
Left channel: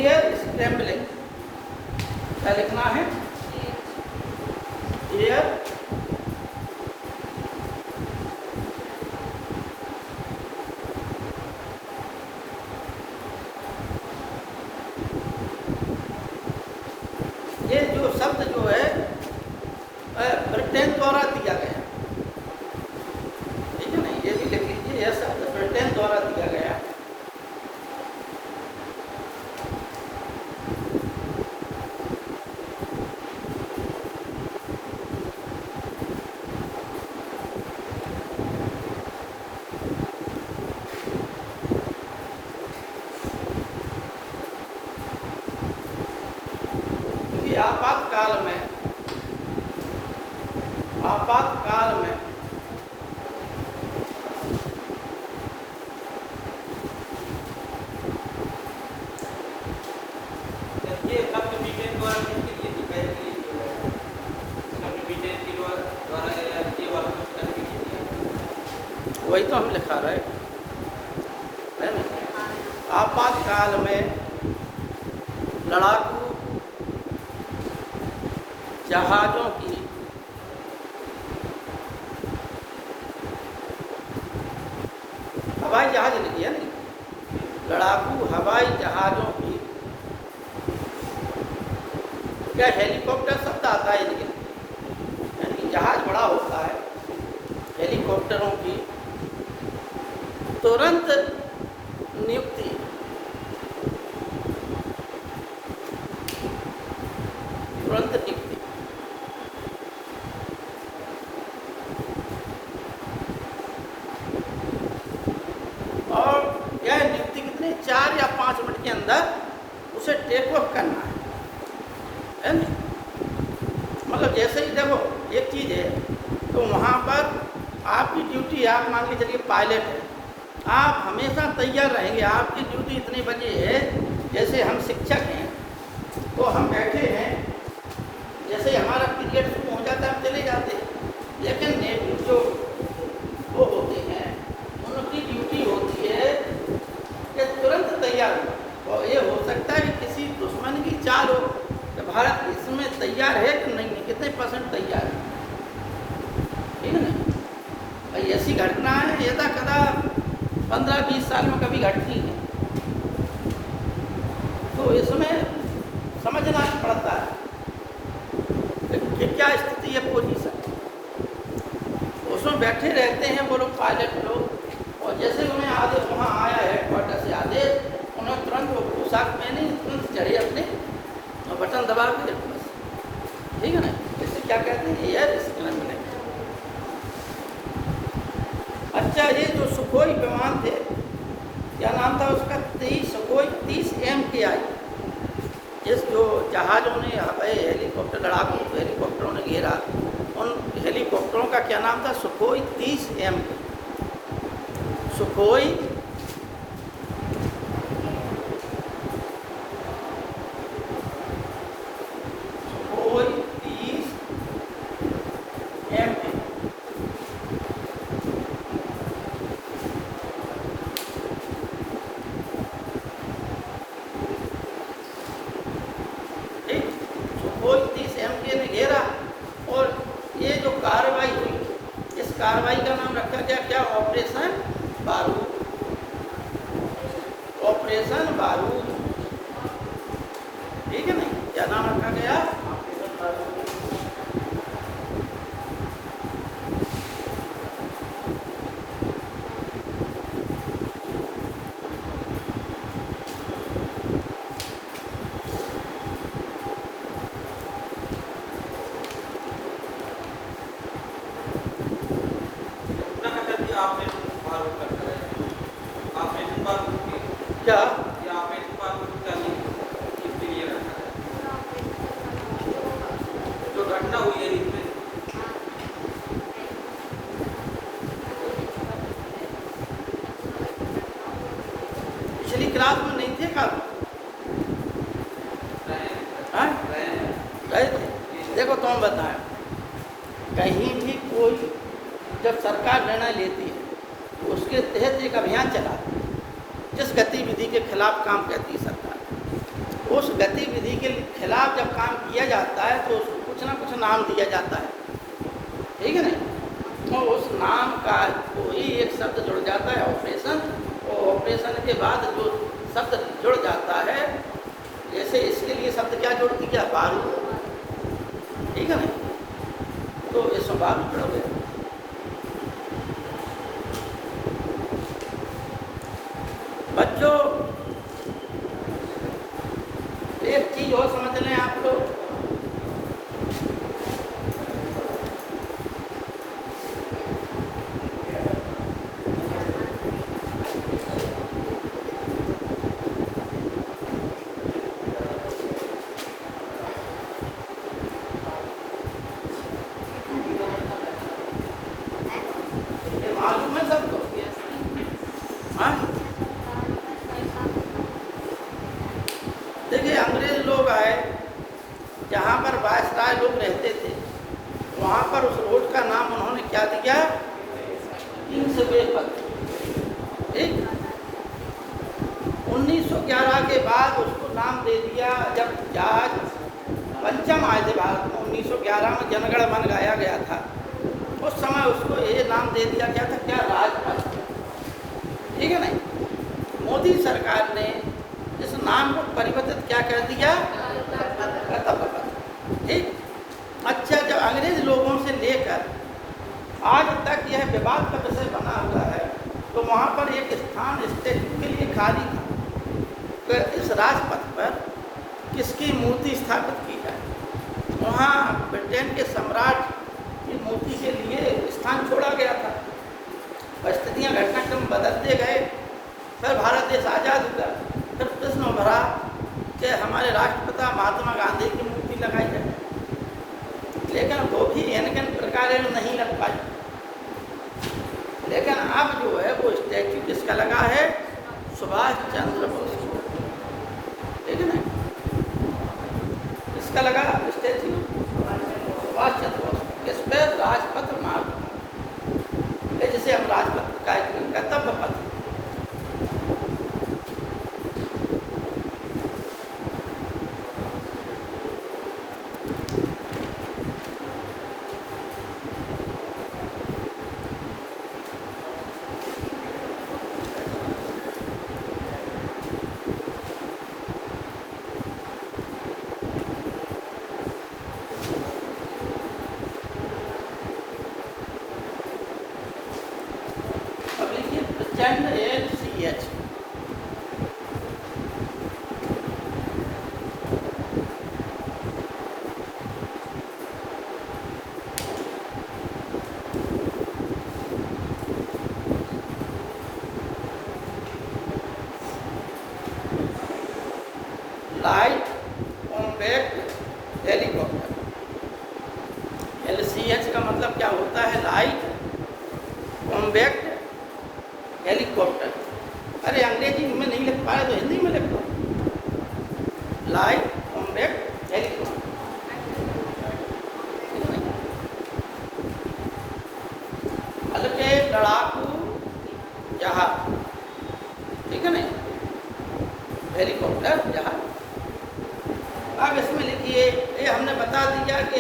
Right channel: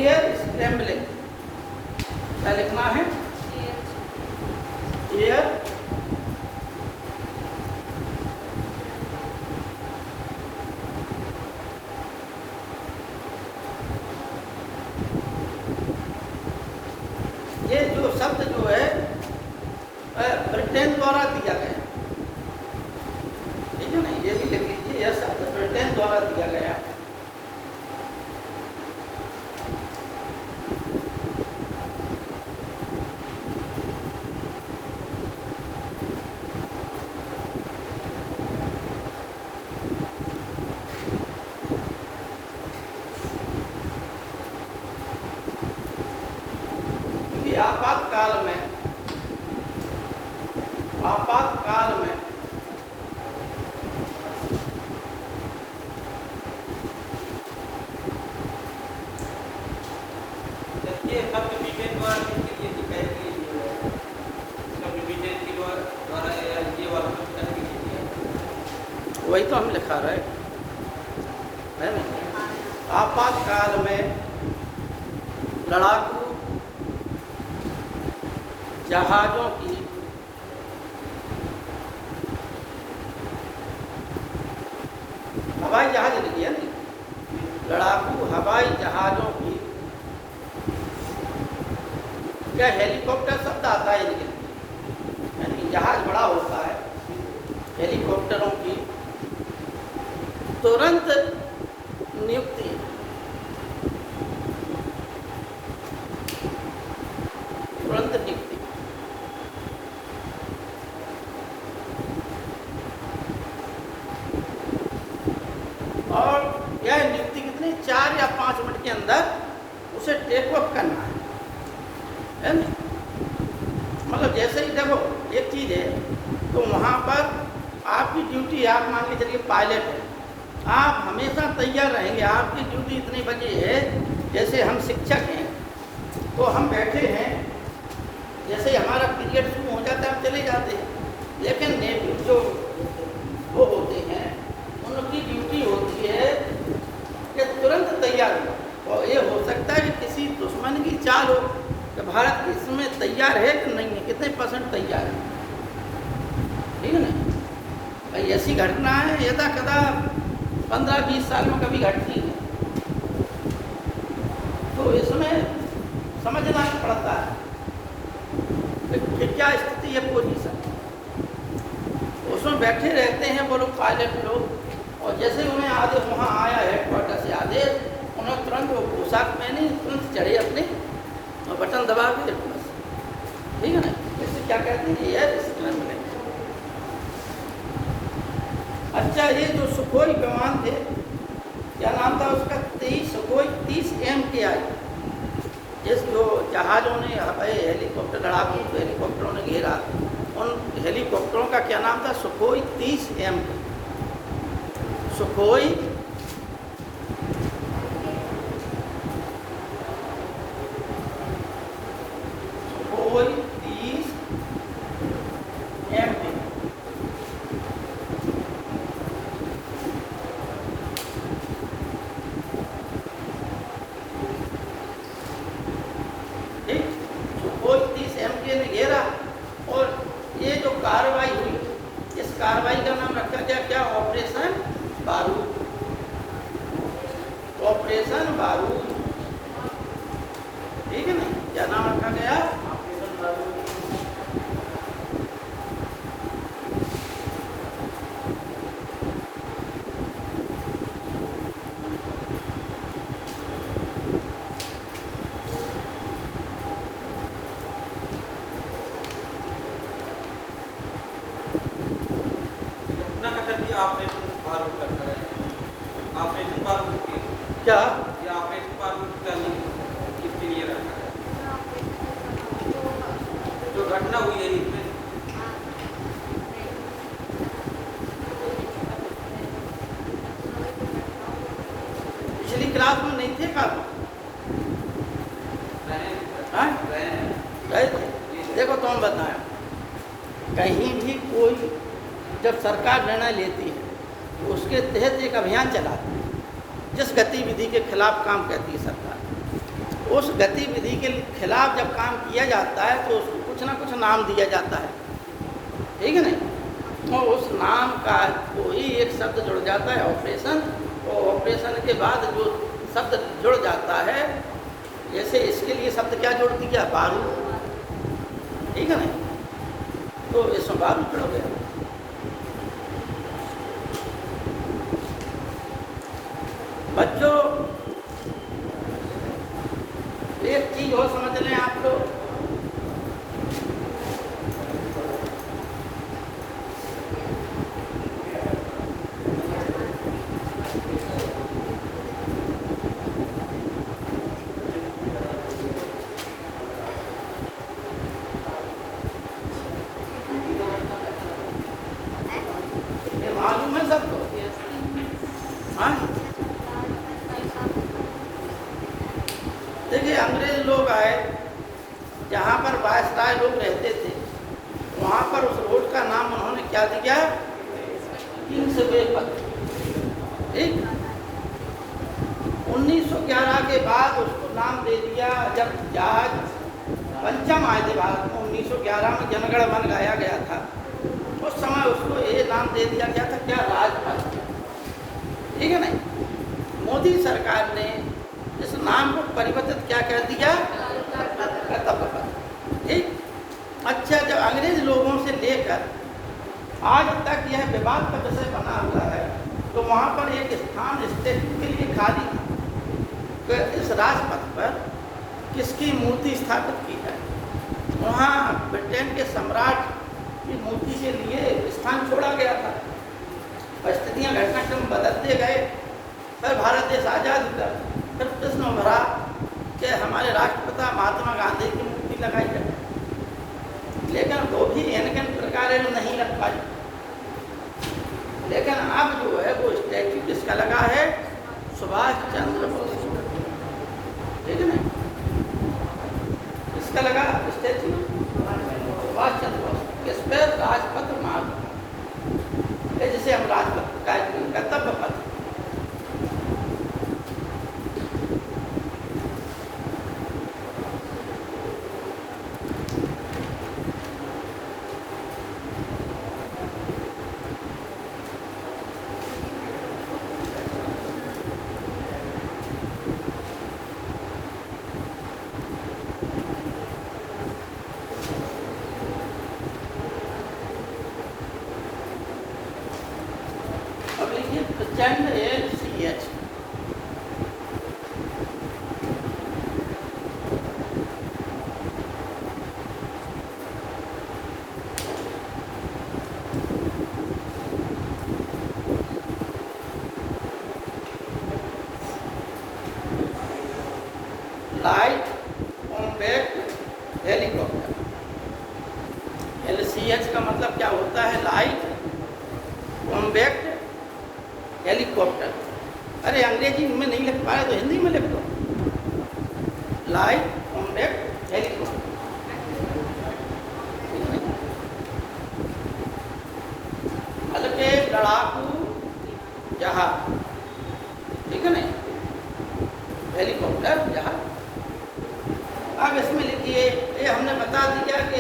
एयर स्क्रैम्बलिंग। क्या लिखना है? एयर ये जो शब्द जो है ब्रिटेन द्वारा दिया गया, ठीक है ना? ये भी लिख लीजिए, यह शब्द ब्रिटेन द्वारा दिया गया। आपातकाल में वही तो हम लिखा रहे है ना। आपातकाल में लड़ाकू जहाजों की हवाई जहाज लिखी है ना, लड़ाकू हवाई जहाजों की या हेलीकॉप्टर शब्द आता है लेकिन, यानी जहाज बड़ा होता है, हेलीकॉप्टरों की तुरंत नियुक्ति, तुरंत नियुक्ति। और यह नियुक्ति कितने 4 या 5 मिनट के अंदर उसे टेक ऑफ करना है ना। मतलब जैसे ही देखो एक चीज़ है, तो वहाँ पर आपकी ड्यूटी, आप मान के चलिए पायलट है, आप हमेशा तैयार रहेंगे। आपकी ड्यूटी इतने बजे है, जैसे हम शिक्षक हैं तो हम बैठे हैं, जैसे हमारा पीरियड शुरू हो जाता है हम चले जाते हैं। लेकिन नेवी जो वो होते हैं उनकी ड्यूटी होती है कि तुरंत तैयार हो। और ये हो सकता है कि किसी दुश्मन की चाल हो कि भारत इसमें तैयार है कि नहीं है, कितने % तैयार है, ठीक है ना। ऐसी घटना है यदा कदा 15-20 साल में कभी घटती है, तो इसमें समझना पड़ता है कि क्या स्थिति है पोजीशन। उसमें बैठे रहते हैं वो लोग पायलट लोग, और जैसे उन्हें आदेश वहाँ आया है क्वार्टर से आदेश, उन्होंने तुरंत वो पोशाक पहने, तुरंत चढ़े अपने और बटन दबा के, ठीक है ना। उससे क्या कहते हैं, एयर स्क्रैम्बलिंग। अच्छा, ये जो सुखोई विमान थे, क्या नाम था उसका? Sukhoi 30 MKI। जिस जो जहाज़ों ने हवाई हेलीकॉप्टर, लड़ाकू हेलीकॉप्टरों ने घेरा, उन हेलीकॉप्टरों का क्या नाम था? Sukhoi 30 MK। Sukhoi Sukhoi 30 MK। Sukhoi 30 MK ने घेरा हाँ गए थे। देखो तुम बताएं, कहीं भी कोई जब सरकार निर्णय लेती है तो उसके तहत एक अभियान चला, जिस गतिविधि के खिलाफ काम करती है सरकार, उस गतिविधि के खिलाफ जब काम किया जाता है तो उसको कुछ ना कुछ नाम दिया जाता है, ठीक है ना। तो उस नाम का कोई एक शब्द जुड़ जाता है ऑपरेशन, और ऑपरेशन के बाद जो शब्द जुड़ जाता है, जैसे इसके लिए शब्द क्या जोड़ दिया, बारूद, ठीक है ना, तो इसमें बारूद जुड़ गया। बच्चों एक चीज और समझ लें आपको, ये मालूम है सबको, हाँ। देखिए अंग्रेज लोग आए, जहाँ पर वायसराय लोग रहते थे, वहाँ पर उस रोड का नाम उन्होंने क्या दिया, प्रिंसिपल पथ, ठीक। 1911 के बाद उसको नाम दे दिया, जब जहाज पंचम आए थे भारत में 1911 में, जनगण मन गाया गया था, उस समय उसको ये नाम दे दिया गया था, क्या, राजपथ, ठीक है नहीं। मोदी सरकार ने इस नाम को परिवर्तित क्या कर दिया, कर्तव्य पथ, ठीक। अच्छा, जब अंग्रेज लोगों से लेकर आज तक यह विवाद का विषय बना हुआ है, तो वहाँ पर एक स्थान स्टैच्यू के लिए खाली है, इस राजपथ पर किसकी मूर्ति स्थापित की जाए। वहाँ ब्रिटेन के सम्राट की मूर्ति के लिए स्थान छोड़ा गया था। परिस्थितियाँ घटनाक्रम बदलते गए, फिर भारत देश आज़ाद हुआ, जब प्रश्न भरा कि हमारे राष्ट्रपिता महात्मा गांधी की मूर्ति लगाई जाए, लेकिन वो भी इनके प्रकार नहीं लग पाई। लेकिन अब जो है वो स्टैच्यू किसका लगा है, सुभाष चंद्र बोस, ठीक है ना, किसका लगा स्टैच्यू, सुभाष चंद्र बोस, किस पे, राजपथ मार्ग, जिसे हम राजपथ कार्यक्रम कर्तव्य पथ। LCH, light compact helicopter. LCH का मतलब क्या होता है, लाइट कॉम्पैक्ट हेलीकॉप्टर। अरे अंग्रेजी में नहीं लिख पाए तो हिंदी में लिखो, लाइट कॉम्पैक्ट हेलीकॉप्टर, हल्के लड़ाकू जहाज, ठीक है ना, हेलीकॉप्टर जहाज। अब इसमें लिखिए, ये हमने बता दिया कि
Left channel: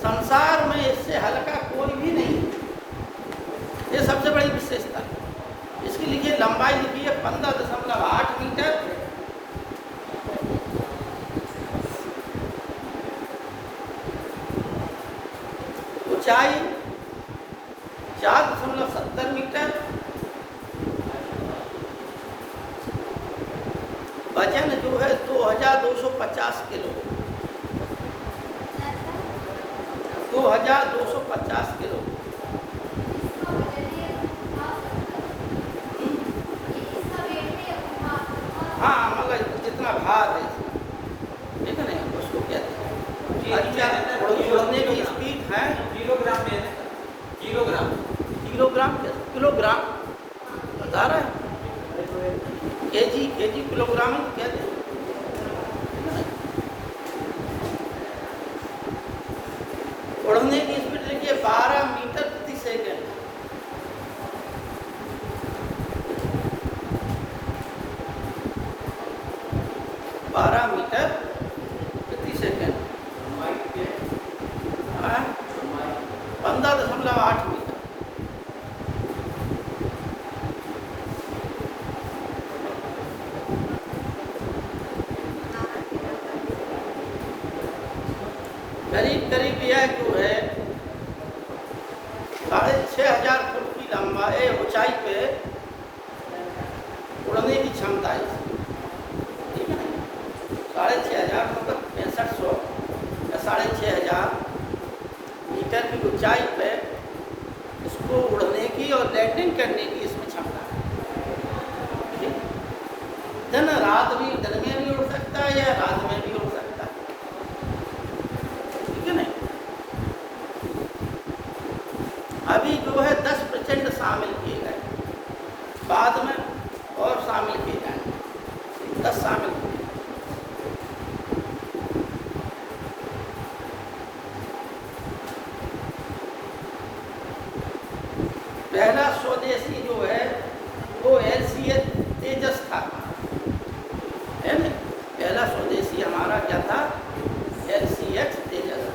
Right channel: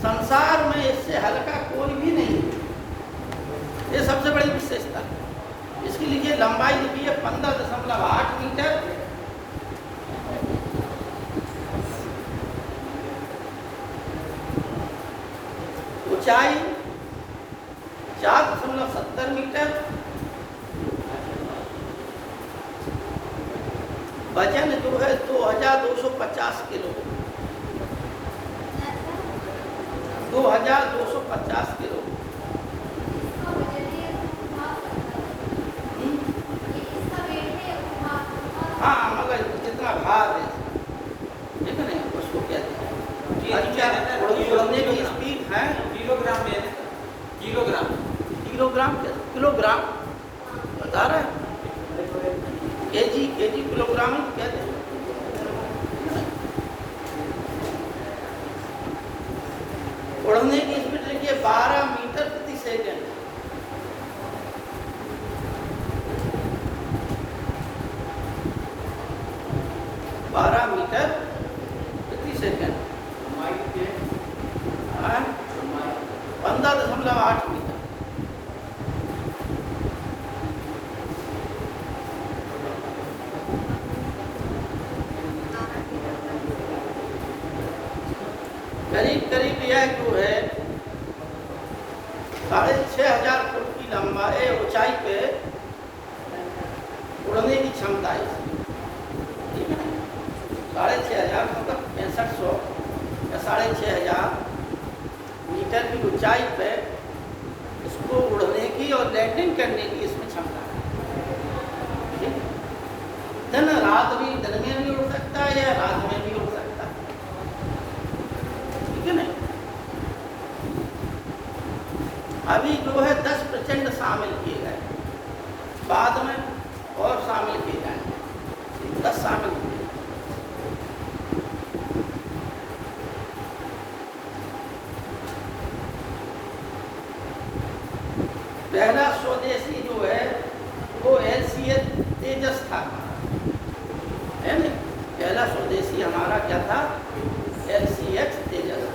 संसार में इससे हल्का कोई भी नहीं, ये सबसे बड़ी विशेषता। इसकी लिखिए लंबाई लिखी है 15.8 मीटर, ऊंचाई 4.70 मीटर, वजन जो है 2250 किलो, 2250 किलो। उड़ने की स्पीड लिखिए 12 मीटर प्रति सेकंड। मीटर प्रति सेकंड। 15.8 मीटर। करीब करीब यह जो है 6,500 फुट की लंबाई ऊंचाई पे उड़ने की क्षमता है। 6,500 मतलब 6500 या 6,500 मीटर की ऊंचाई पे उसको उड़ने की और लैंडिंग करने की इसमें क्षमता है। दिन रात भी दिन में भी उड़ सकता है या रात में भी उड़ सकता है, ठीक है ना। अभी जो है 10% शामिल किए गए, बाद में और शामिल किए जाएंगे। 10 शामिल किए। पहला स्वदेशी जो है वो LCH तेजस था, है ना। पहला स्वदेशी हमारा क्या था? LCH तेजस।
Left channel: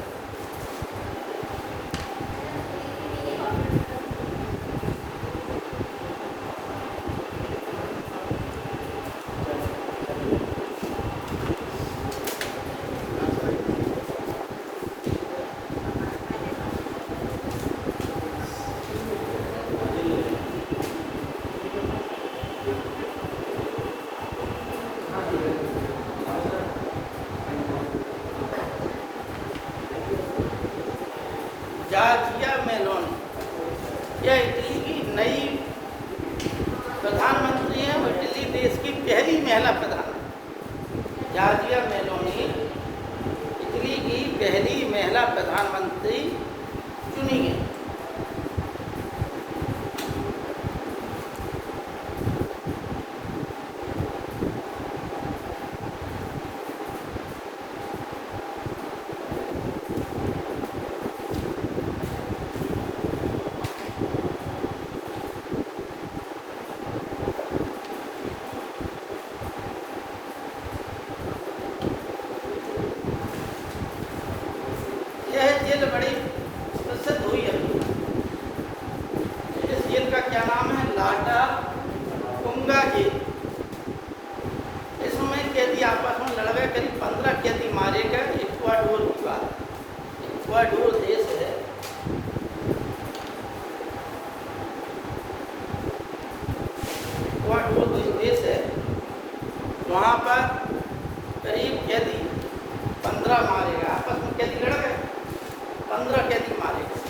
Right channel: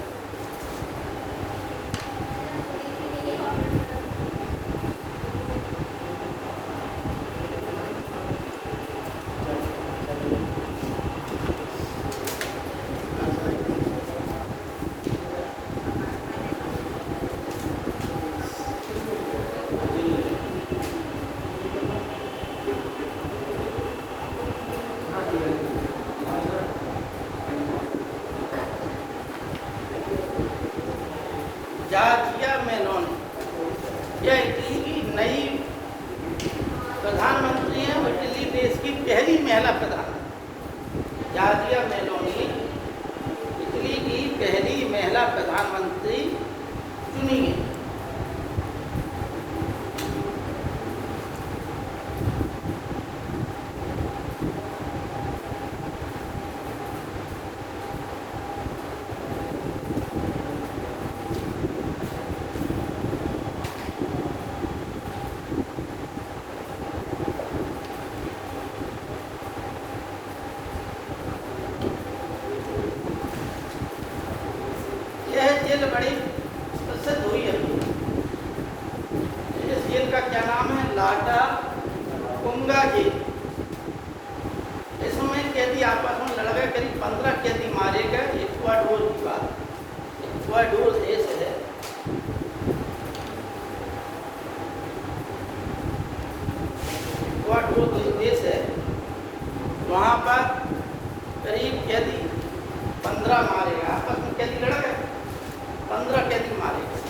जॉर्जिया मेलोनी, यह इटली की नई प्रधानमंत्री है और इटली देश की पहली महिला प्रधानमंत्री। जॉर्जिया मेलोनी इटली की पहली महिला प्रधानमंत्री चुनी गई। यह जेल बड़ी प्रसिद्ध हुई है। इस जेल का क्या नाम है? लाटा कुंगा जेल। इसमें कैदी आपस में लड़ गए, करीब 15 कैदी मारे गए। इक्वाडोर देश है। इक्वाडोर देश है, वहाँ पर करीब कैदी 15 मारे गए। आपस में कैदी लड़ गए, 15 कैदी मारे गए।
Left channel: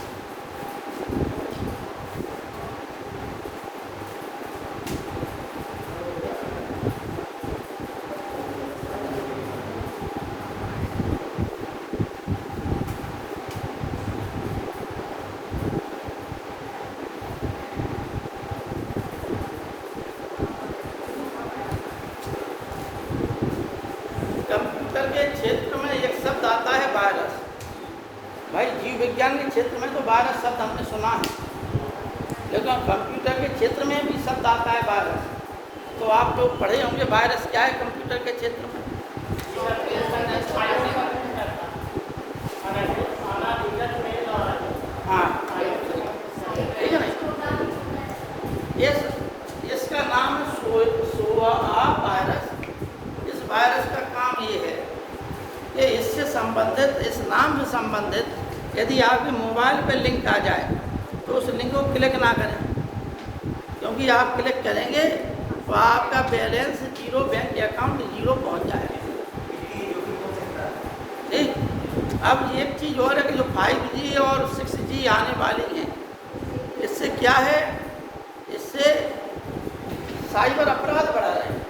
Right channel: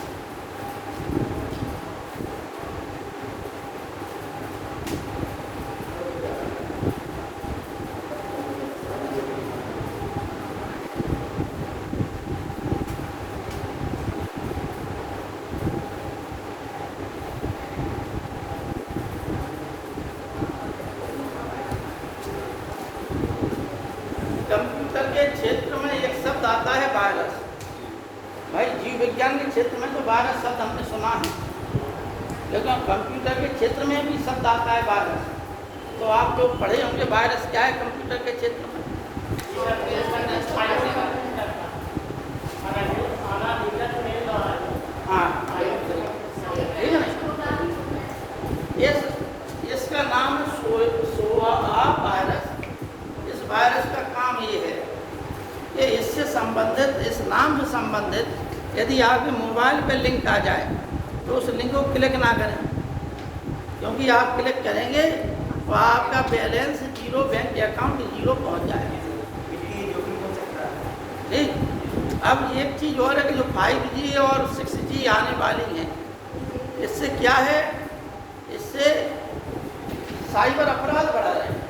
कंप्यूटर के क्षेत्र में एक शब्द आता है वायरस। भाई जीव विज्ञान के क्षेत्र में तो वायरस शब्द हमने सुना है, लेकिन कंप्यूटर के क्षेत्र में भी शब्द आता है वायरस। तो आप लोग पढ़े होंगे वायरस क्या है कंप्यूटर के क्षेत्र में। हाँ, इसका नाम सोआ वायरस। इस वायरस का काम ये है कि इससे संबंधित, इस नाम से संबंधित यदि आपके मोबाइल पर लिंक आ जाए तो उस लिंक को क्लिक ना करें, क्योंकि आप क्लिक करेंगे तो आपका बैलेंस 0, बैंक अकाउंट 0 पहुँच जाएगा। अब एक चीज़ और है कि जो 5G और 6G आने वाली है, इससे क्या है, इससे साइबर अपराध बढ़ रहे हैं,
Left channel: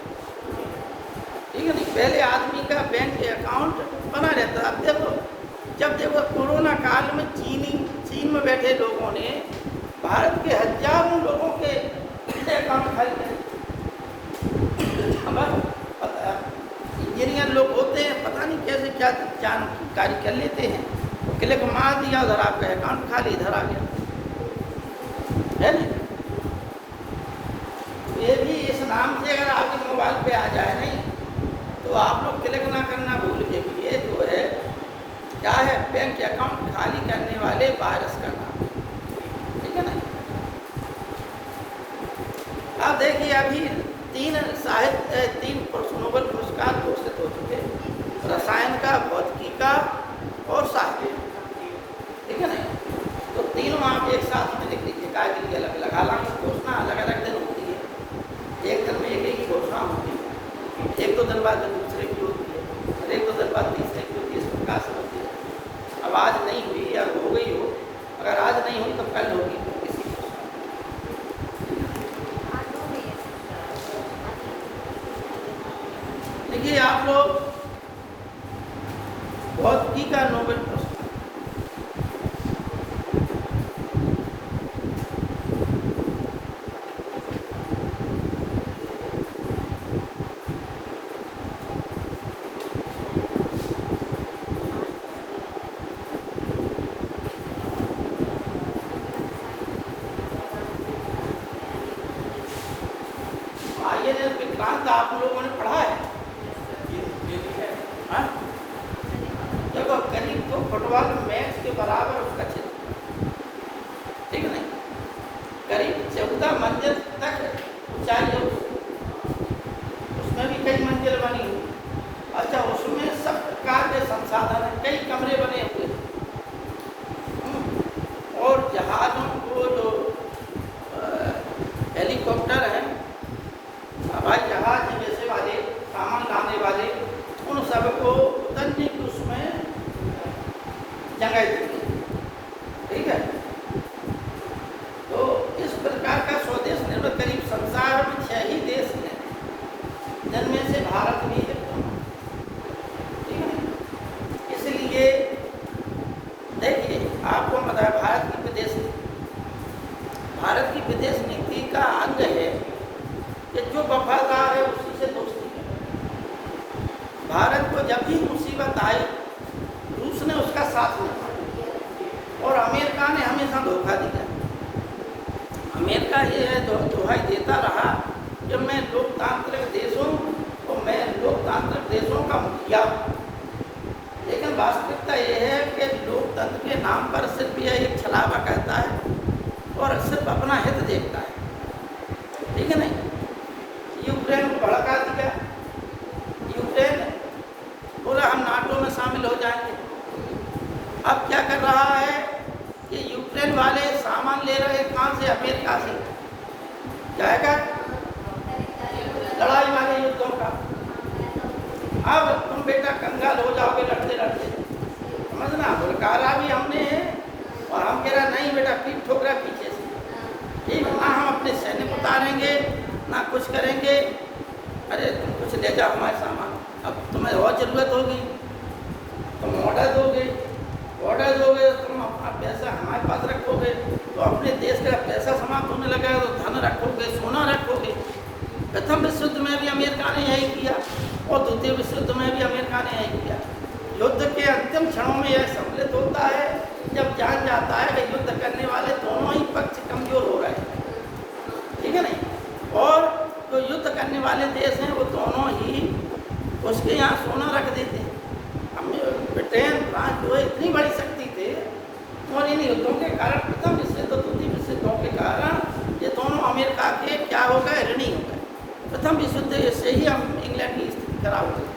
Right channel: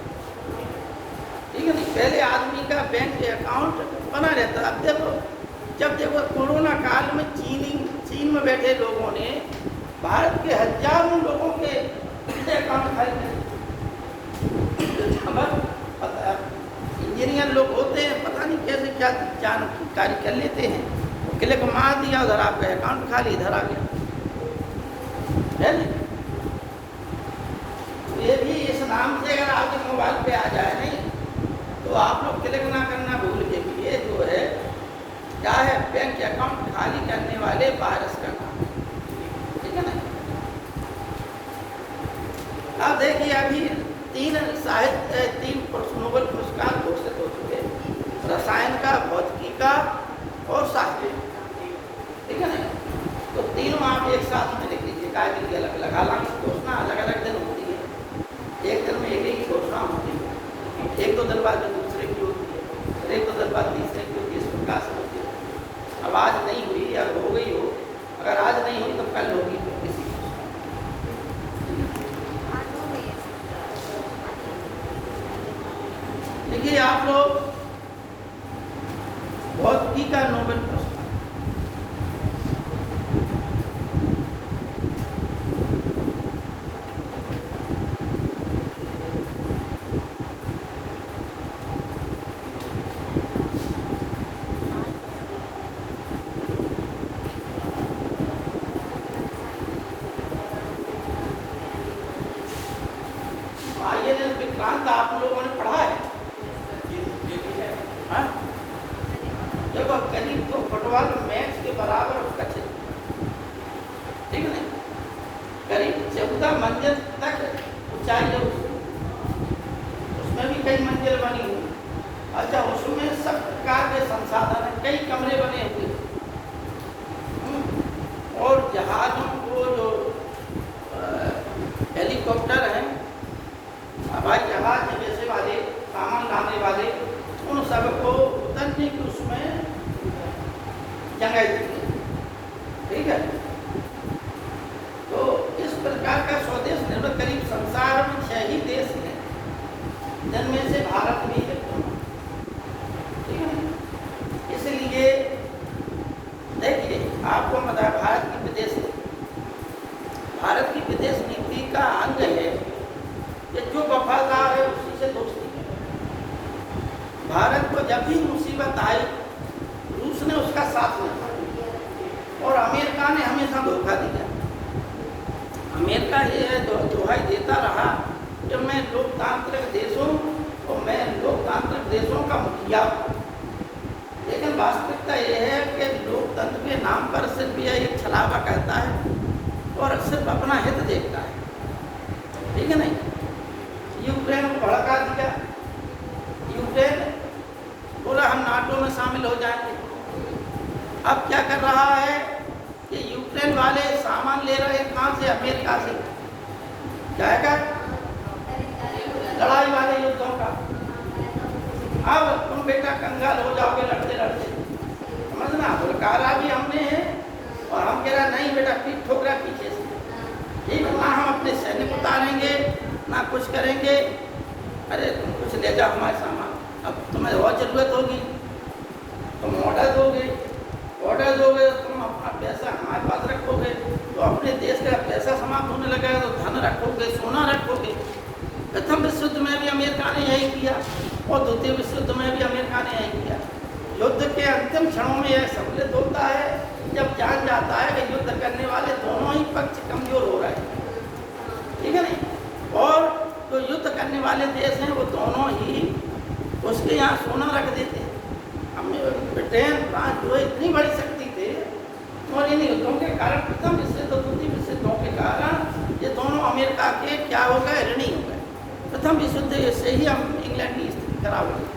ठीक है। पहले आदमी का बैंक अकाउंट बना रहता। अब देखो, जब वो कोरोना काल में चीन में बैठे लोगों ने भारत के हजारों लोगों के अकाउंट खाली किए। इंजीनियर लोग होते हैं, पता नहीं कैसे क्या जानकारी कर लेते हैं, क्लिक मार दिया, उधर आपका अकाउंट खाली, इधर आ गया, है ना। ये भी इस नाम से अगर आपके मोबाइल पे आ जाए नहीं तो आप लोग क्लिक ना करना भूल के, ये जो है क्या है, बैंक अकाउंट खाली करने वाले वायरस का काम, ठीक है ना। आप देखिए अभी 3 नोबेल पुरस्कार घोषित हो चुके, रसायन का, भौतिकी का और साहित्य, ठीक है ना। तो तीनों आप एक साथ ही लिख लीजिए, कागज की अलग अलग, हालांकि घोषणा अलग अलग दिन होती है, एक दिन में एक ही घोषणा होती है, एक दो दिन बाद दूसरे की होती है, और एक दो दिन बाद तीसरे की होती है, इस प्रकार से होती है। अब आज नहीं हुई या हो गई हो, अगर आज नहीं हुई तो कल होगी किसी। देखिए आप लोग भौतिकी का नोबेल पुरस्कार, आईएनएस विक्रांत आप लोगों ने पढ़ा है? हाँ? देखो करीब तो फुटबॉल मैच के बराबर उसका क्षेत्र, ठीक है, करीब 14 मंजिल तक ऊंचाई है, उसमें भी कई मंजिल बनी हुई। अच्छा, उसमें सब प्रकार के संसाधन हैं, कई कमरे बने हुए और जहाजों को जो हेलीकॉप्टर है, हवाई जहाज जैसे वाले, सामान लाने वाले, उन सबको उतरने की उसमें जगह दी, ठीक है। तो इस प्रकार का स्वदेश निर्मित करीब संसार में 6 ही देश हैं, जिनमें से भारत भी है, ठीक है। इसलिए देखिए आपको पता है भारत की विदेश नीति का अंग है कि जो वफादार है उसी से दोस्ती करे। भारत को जब भी मुसीबत आई रूस ने उसका साथ दिया और अमेरिका ने हमेशा धोखा दिया। अमेरिका ये दोहाई देता रहा कि मैं लोकतांत्रिक देशों का मुखिया, लेकिन वास्तविकता यह है कि लोकतंत्र के नाम पर सिर्फ यह एक छलावा कहता है और सिर्फ अपना हित देखता है, ठीक है नहीं। यूक्रेन को भड़का दिया, यूक्रेन बोला हम नाटो में शामिल हो जाएंगे। अब क्या कर रहा है कि यूक्रेन वाले सामान ले रहे हैं कहाँ से? अमेरिका से। क्या कर लड़ाई वाले युद्धों का। अब तुम बेटा कंगाल हो जाओगे लड़ते लड़ते, समझना। भड़कारा भी हमने है और हम कह रहा नहीं बेटा पीठ ठोक रहा पीछे से, ठीक ना। हम अपने सैनिक उतारेंगे ना कुछ करेंगे। अरे तुम कुछ ले जाओ हमारे सामान, अब तुम्हें और जरूरत होगी तुम ऑर्डर दोगे तुम अपना पैसा हमारे पास रखोगे तो अपने देश का पैसा समाप्त होने लगा है, तो धन रखोगे, सोना रखोगे। प्रथम विश्व युद्ध में भी अमेरिका ने यही किया और द्वितीय विश्व युद्ध में भी अमेरिका ने यही किया। युद्ध के अंतिम क्षणों में यह सम्मिलित होता है जब जान जाता है कि युद्ध करने वाले दोनों ही पक्ष कमजोर हो गए, ठीक है नहीं। और जो युद्ध करने वाले देश हैं वो दोनों ही उसके यहाँ सोना रख देते हैं। ब्रिटेन, फ्रांस जो इतनी बड़ी शक्ति थे और इन युद्धों के कारण प्रथम विश्व युद्ध, द्वितीय विश्व युद्धों के कारण ये दोनों अमेरिका के क्या हो गए? ऋणी हो गए। प्रथम विश्व युद्ध से ही हम इंग्लैंड की स्थिति खराब हो गई।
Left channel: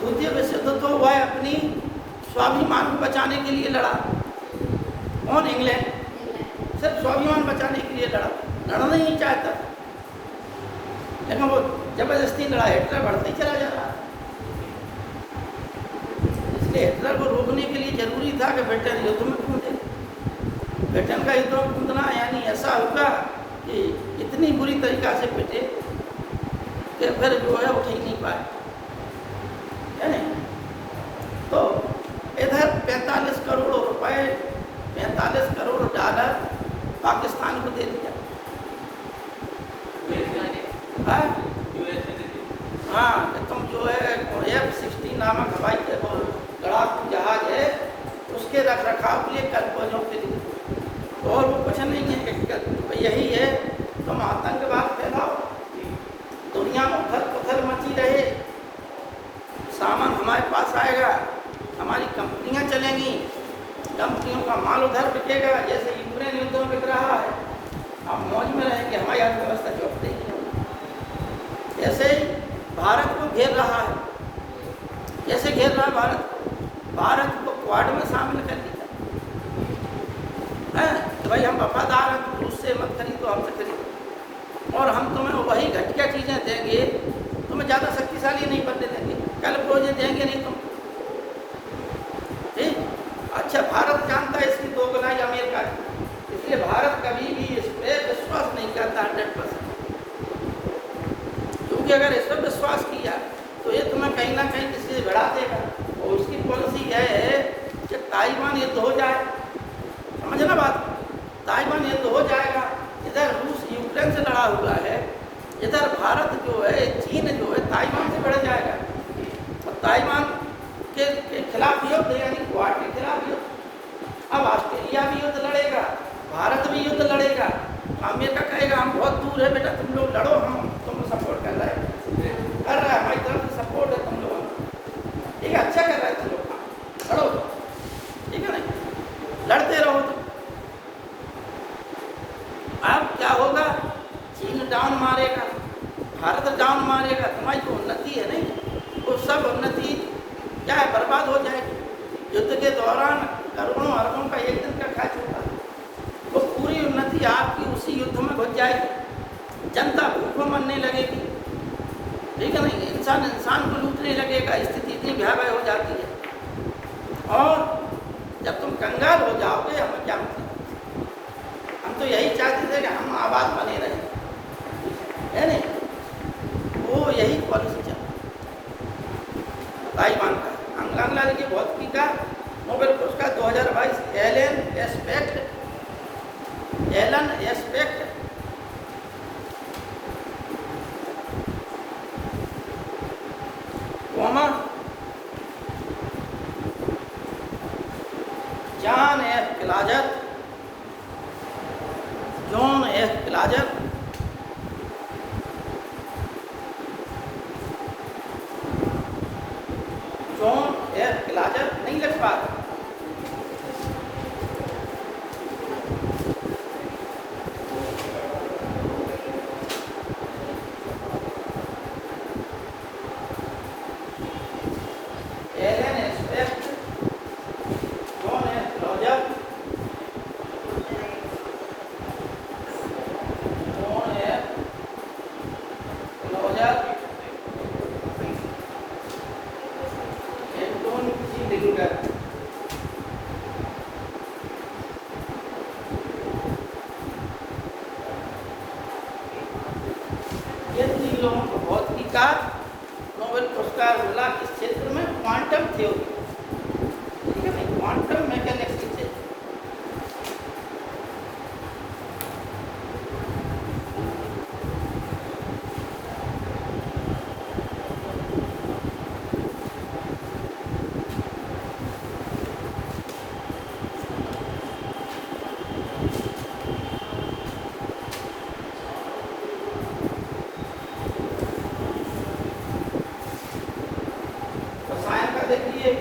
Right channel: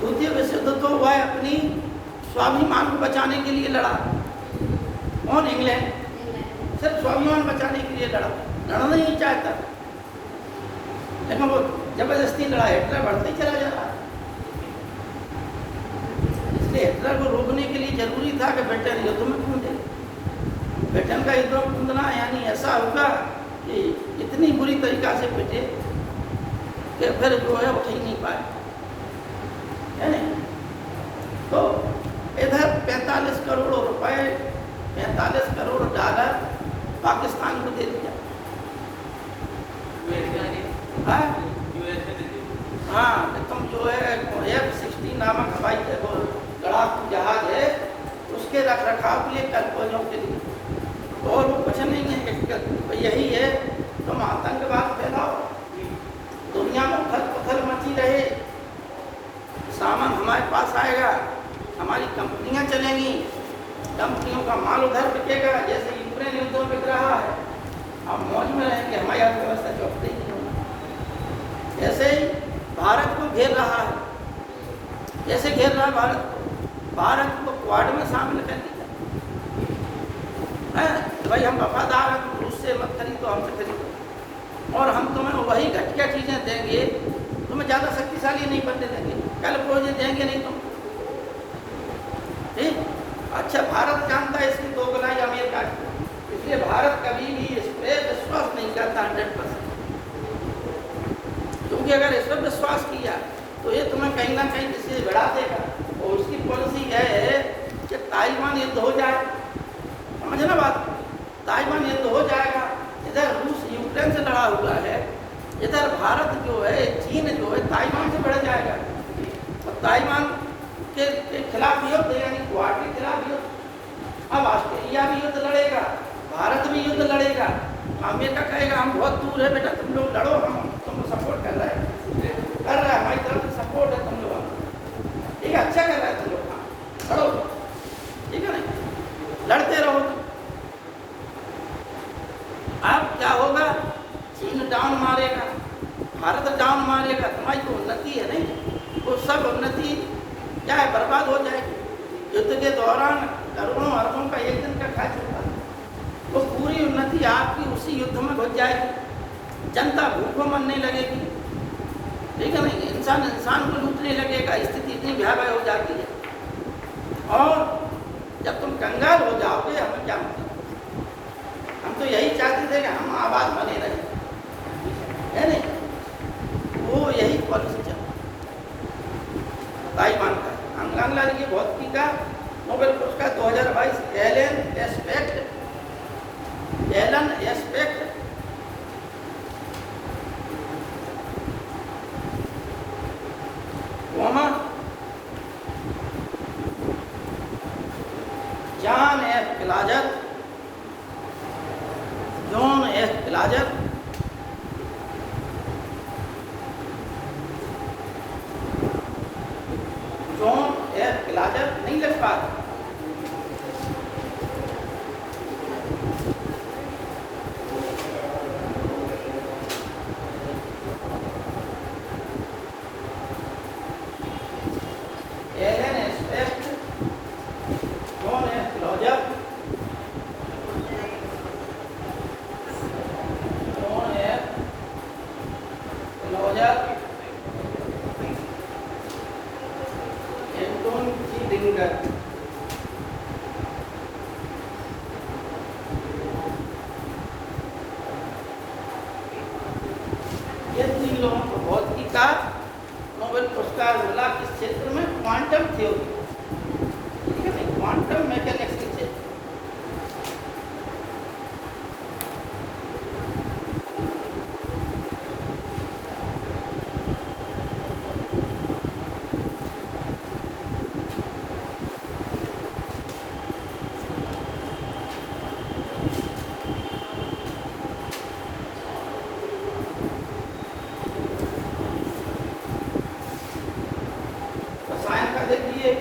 द्वितीय विश्व युद्ध तो वह अपनी स्वाभिमान को बचाने के लिए लड़ा। कौन? इंग्लैंड। सिर्फ स्वाभिमान बचाने के लिए लड़ना ही नहीं चाहता, लेकिन वो जबरदस्ती लड़ा। हिटलर बढ़ते चला जाता, इसलिए हिटलर को रोकने के लिए जरूरी था कि ब्रिटेन युद्ध में कूदे। ब्रिटेन का युद्ध में कूदना यानी ऐसा होगा कि इतनी बुरी तरीका से पिटे कि फिर जो है उठ ही नहीं पाए, है नहीं। तो इधर 45 करोड़ रुपए, 45 करोड़ डॉलर पाकिस्तान को दे दिया। हाँ, तो तुम जो है F-16 नामक हवाई लड़ाकू जहाज है बिकेंगी, कंपनियों का माल उधर बिकेगा, जैसे यूक्रेन युद्ध बिक रहा है। हम मौज में रहेंगे, हमारी अर्थव्यवस्था जो अपनी ऐसे ही भारत को घेर रहा है। कैसे घेर रहा है भारत को क्वाड में शामिल कर दिया है। भाई हम वफादार हैं, तुम उससे मत करिए तो हमसे करिए, और हम तुम्हें वही घटिया चीज़ें देंगे, तुम्हें ज़्यादा शक्तिशाली नहीं बनने देंगे, कल को ये देंगे नहीं तुम। ठीक, अच्छा भारत जानता है इसकी दोगलाई अमेरिका की, इसलिए भारत कभी भी इस पर विश्वास नहीं करता 100%, क्योंकि अगर इस पर विश्वास किया तो ये तुम्हें कहीं ना कहीं किसी बढ़ा देगा। और उसकी पॉलिसी यह है कि ताइवान युद्ध हो जाए, समझे ना बात, ताइवान युद्ध हो जाएगा, इधर रूस यूक्रेन से लड़ा हुआ है, इधर भारत जो है चीन जो है ताइवान से बढ़ जाएगा, और ताइवान के खिलाफ युद्ध यानी क्वाड के खिलाफ युद्ध। अब ऑस्ट्रेलिया भी युद्ध लड़ेगा, भारत भी युद्ध लड़ेगा, अमेरिका कहेगा हम बहुत दूर है बेटा, तुम लोग लड़ो, हम तुम सपोर्ट कर रहे हैं हमारी तरफ से सपोर्ट है तुम लोग, ठीक है, अच्छा कर रहे हैं तुम लोग, लड़ो, ठीक है ना, लड़ते रहो तुम। अब क्या होगा, चीन डाउन मारेगा, भारत डाउन मारेगा, तुम्हारी जो उन्नति है नहीं, वो सब उन्नति क्या है, बर्बाद हो जाएगी। युद्ध के दौरान करोड़ों अरबों का एक दिन का खर्च होता है, वो पूरी उन्नति आपकी उसी युद्ध में घुस जाएगी, जनता भूखों मरने लगेगी, ठीक है ना, इंसान को लूटने लगेगा, स्थिति इतनी भयावह हो जाती है। और जब तुम कंगाल हो जाओगे, हमें क्या होता, हम तो यही चाहते थे कि हम आबाद बने रहे, है नहीं, वो यही पॉलिसी चल ताइवान का। अंगनलाल की भौतिकी का नोबेल पुरस्कार 2022 एलन एस्पेक्ट जॉन एफ पिलाजर, जॉन एफ पिलाजर, जॉन एफ पिलाजर, नहीं लग पा रहा, लोगों को भौतिकी का नोबेल पुरस्कार मिला किस क्षेत्र में, क्वांटम थ्योरी, ठीक है, क्वांटम मैकेनिक्स के क्षेत्र। देखिए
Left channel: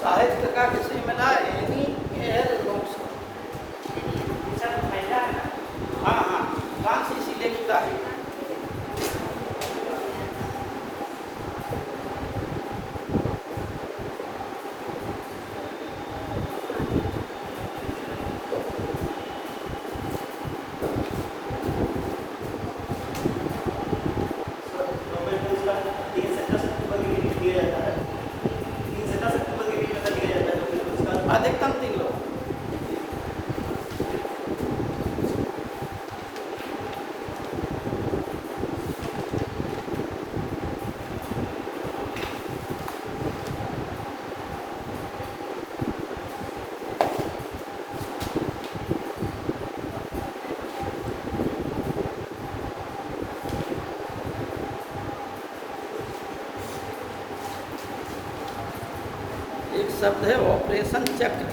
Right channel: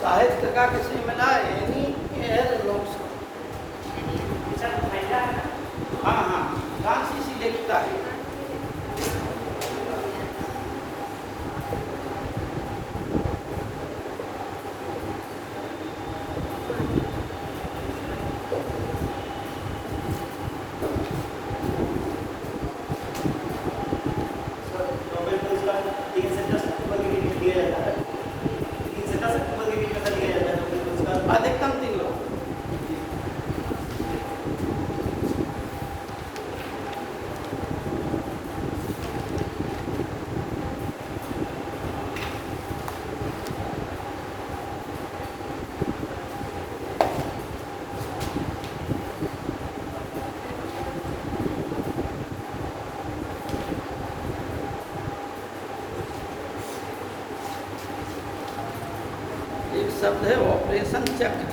साहित्य का किसी मिला यानी हाँ हाँ फ्रांसीसी लेखिका है, शब्द है ऑपरेशन चक्र।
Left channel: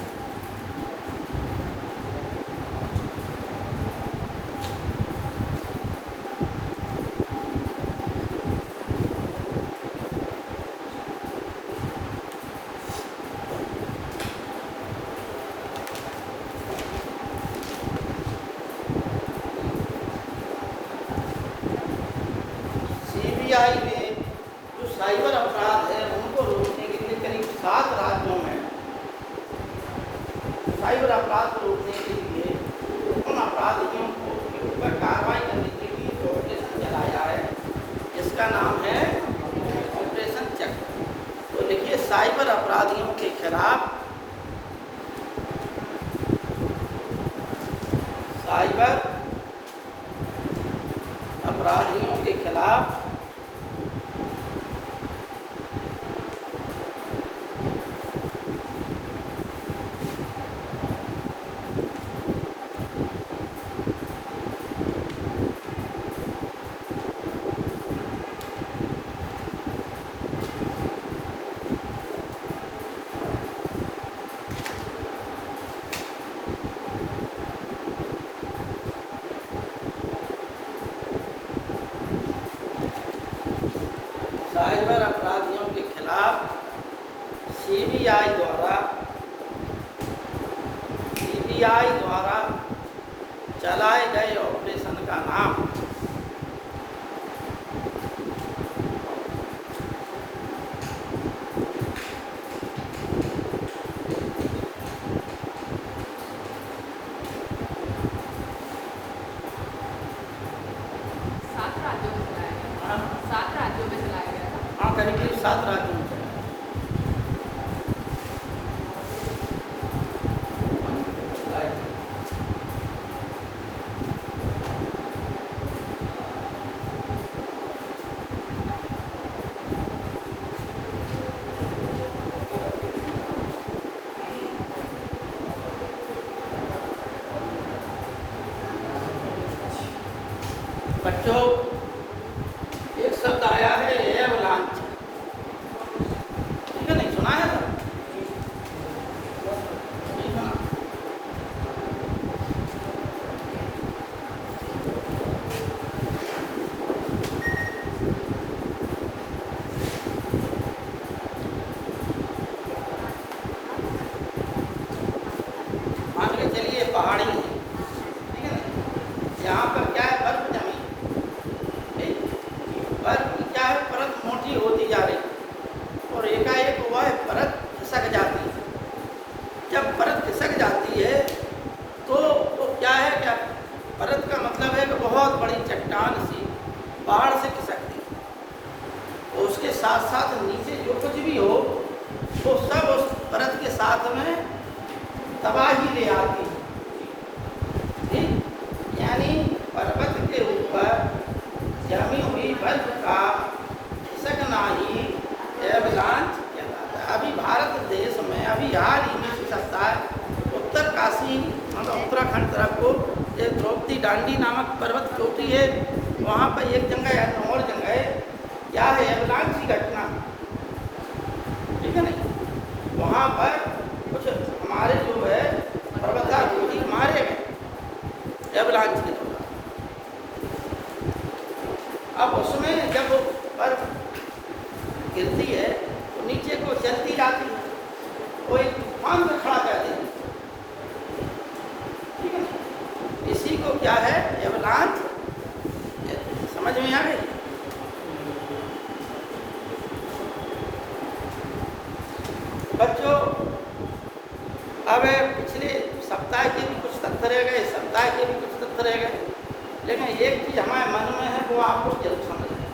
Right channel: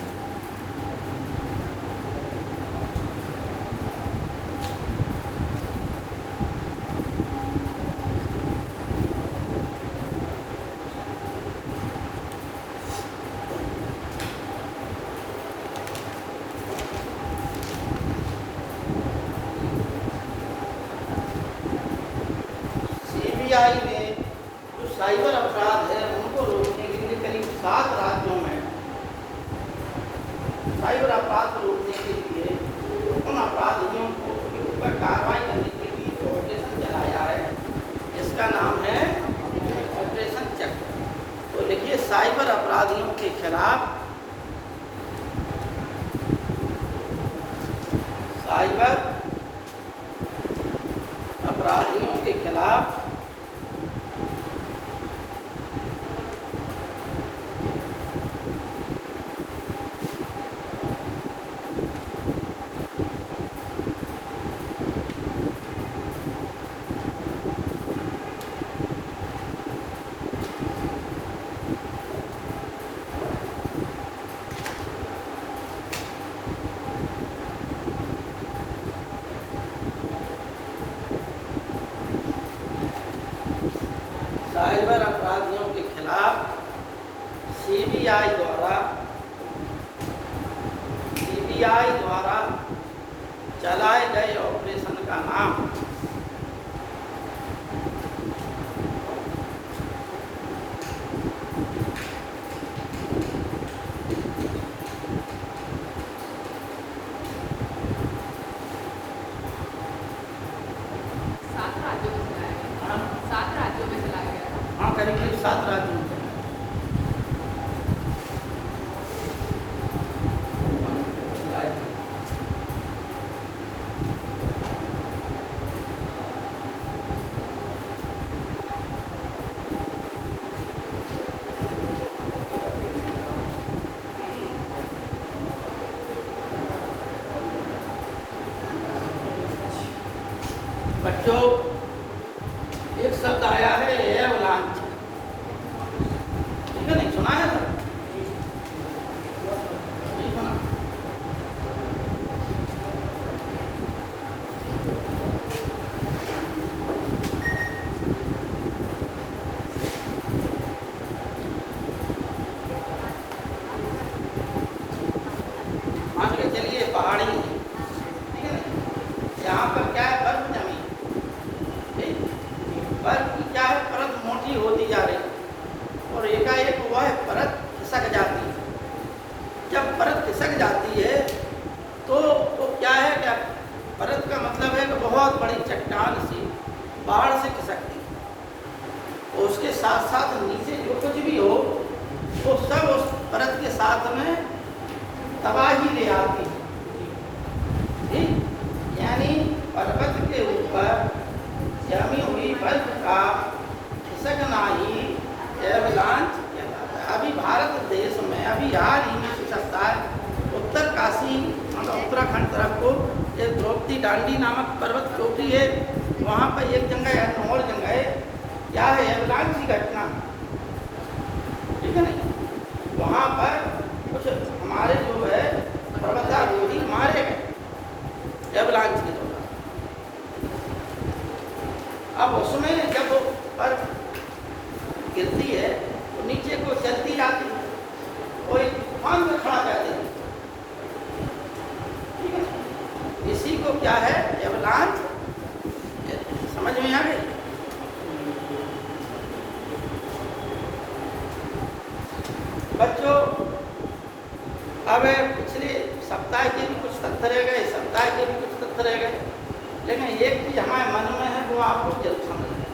सीबीआई ने जो साइबर अपराध है उनको रोकने के लिए करीब 7 राज्यों में साइबर अपराध को रोकने के लिए उन अपराधियों को के ऊपर कार्रवाई करने के लिए जो ऑपरेशन चलाया है इसका नाम है ऑपरेशन चक्र। तो देखिए साइबर अपराधियों के खिलाफ साइबर अपराधियों के खिलाफ साइबर अपराधियों के खिलाफ सीबीआई द्वारा चलाए गए ऑपरेशन का नाम करीब 7 राज्यों में बच्चों एक शब्द आया है एवलांच। ठीक है, नहीं सुना है? आगे चलिए पहाड़ी, ठीक है, यहाँ पर क्या है बर्फ जमी, बर्फ क्या है परत मोटी होती जा रही और एकाएक वह परत खिसक जाती है। जब परत खिसक जाती है तो वो क्या है, क्या परत का मतलब है कि बहुत बड़ी चट्टान सी बाढ़ से खिसकती है। तो उसके साथ साथ नीचे जो कुछ भी हो वो सब उस परत के साथ में तबाही ले आती है। ठीक, यानी पर्वत के ऊपर जमी हुई बर्फ का खिसकना ही एवलांच कहलाता है। अभी भारत देश में अभी हाल ही में खिसकता है उत्तर काशी उत्तराखंड तरफ को एक द्रौपदी डांडी नामक पर्वत चोटी है, वहाँ पर एक जगह या और जगह क्या है एवलांच की घटना, ठीक है नहीं, वहाँ पर कुछ हमारे जो है पर्वतारोही मारे गए एवलांच की। अब उसमें जब वो बर्फ गिरती है तो नीचे को चलती जाती है, कोई तूफान में खड़ा कर देती है, ठीक है। इसी को क्या है एवलांच, समझ में आ गई? बच्चों अब पिछले सप्ताह के भी कुछ तथ्य रह गए, सप्ताह के भी कुछ तथ्य रह गए, लेकिन एक चीज हमारे मन में है वो आपको जल्द समझ में,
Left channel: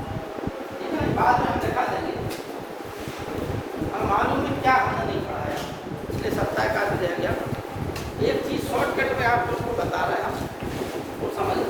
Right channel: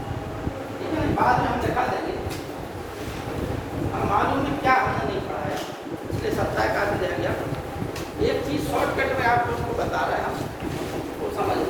ठीक है, बाद में हम दिखा देंगे। मालूम है क्या हमने नहीं पढ़ा है, पिछले सप्ताह का भी रह गया। एक चीज शॉर्टकट में आपको उसको बता रहे हैं, वो समझ लो।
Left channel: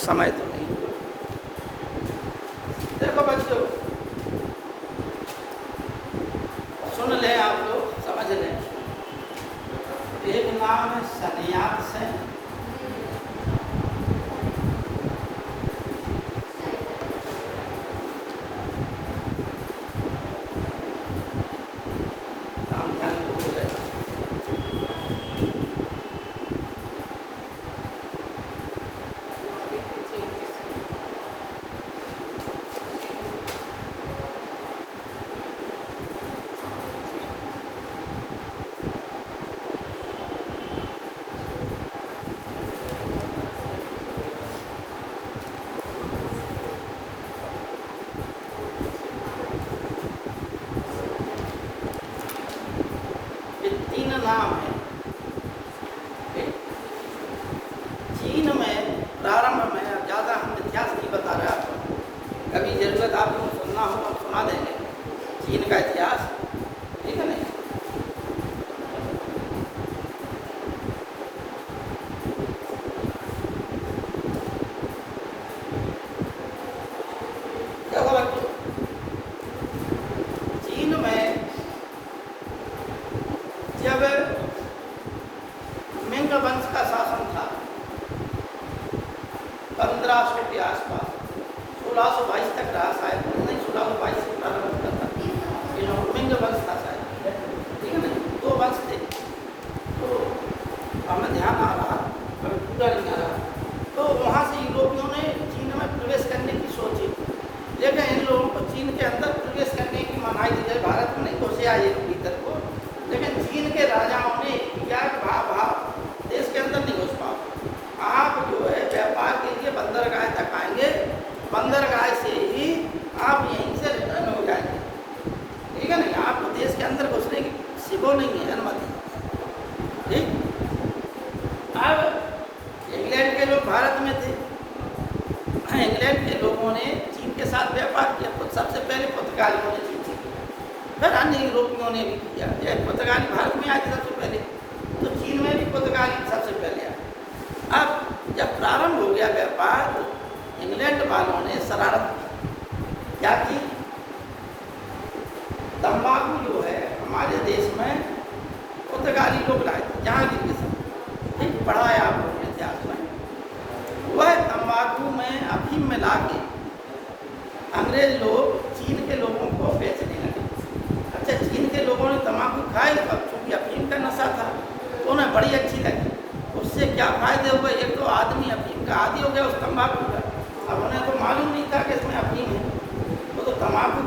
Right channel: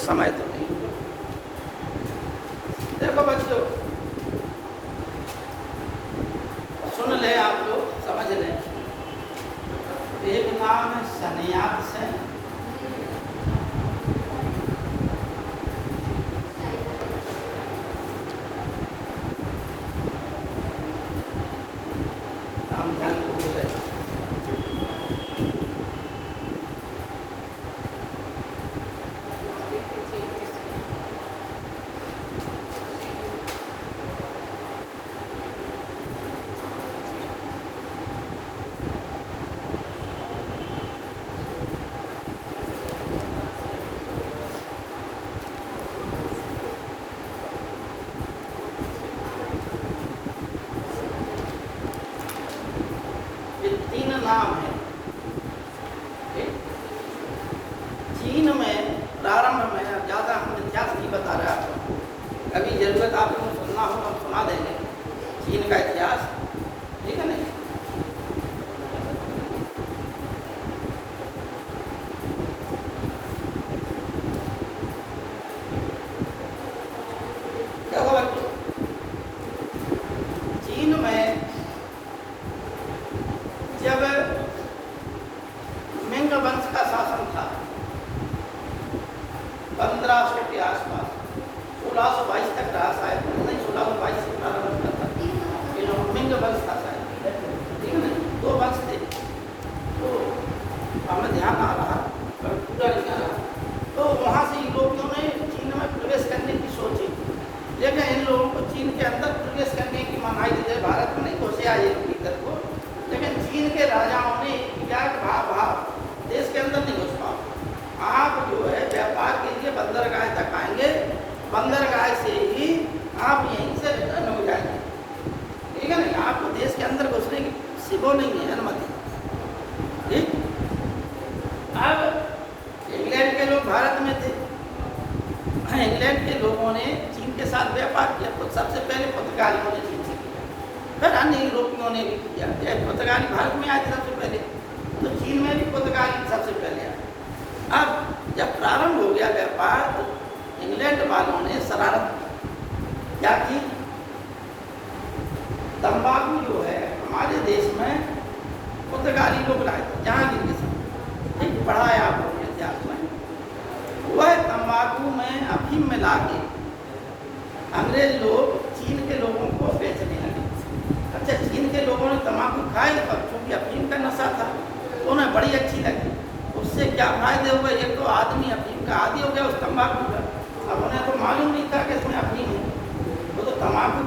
समय तो नहीं। देखो बच्चों नाम है सन्यास सेन। नाम है। चीन में प्रारंभ में, ज़्यादा हम इतिहास नहीं बता रहा, कभी जरूरत आपको सुनना हो तो सुना देंगे चीन का इतिहास, ठीक है नहीं। चीन में जब मिंग वंश का शासन था 1500 के आसपास, 1622 तक रहा शायद, नहीं 1622 से मिंग वंश था शायद, ठीक है। दो वंश थे, तो हमें ध्यान आ रहा पर पूरा नहीं आ रहा। तो वहाँ से यूरोपियों ने चीन में प्रवेश करने की सोची, लेकिन इन लोगों को चीन के अंदर प्रवेश करने की मनाही दी गई। भारत में नहीं घुसे आए भीतर को, लेकिन चीन के राजाओं ने क्या कहा, देश के अंदर नहीं घुस पाओ, आप जो है व्यापार के लिए बंदरगाह तक आएंगे, बंदरगाह से ही आप यहीं से रिटर्न हो जाएंगे, ठीक है ना। आपको देश के अंदर घुसने की सिगो नहीं है अनुमति, ठीक। अब इंग्लैंड के लोग भारत में थे, इंग्लैंड के लोगों ने चीन के साथ व्यापार किया, तो सबसे पहले पुर्तगालियों ने चीन से किया, फिर अन्य यूरोपियों ने भी किया। पुर्तगाली भारत में आए थे सबसे पहले, तो चीन में भी पुर्तगाली सबसे पहले आए। अब जब प्रारंभ हो गया व्यापार, तो इंग्लैंड वालों ने शरारत क्या की, तंबाकू जो है हमारे देश में पुर्तगाली लोग लाए थे, जहाँ दिल्ली से, ठीक, पढ़ा है आप लोगों ने इतिहास में। वह तंबाकू में अफीम मिला के अंग्रेज लोग चीन के लोगों को बेचने लगे। अच्छा, चीन के लोगों ने तंबाकू खाए, तब क्योंकि अफीम का नशा था तो उन्हें बड़ी अच्छी लगी। उससे क्या फायदे हुए, एक तो आदमी अफीम का आदी हो गया उस तंबाकू का, अब उन्हें तो मालूम नहीं था कि इसमें अफीम है, वो तो तंबाकू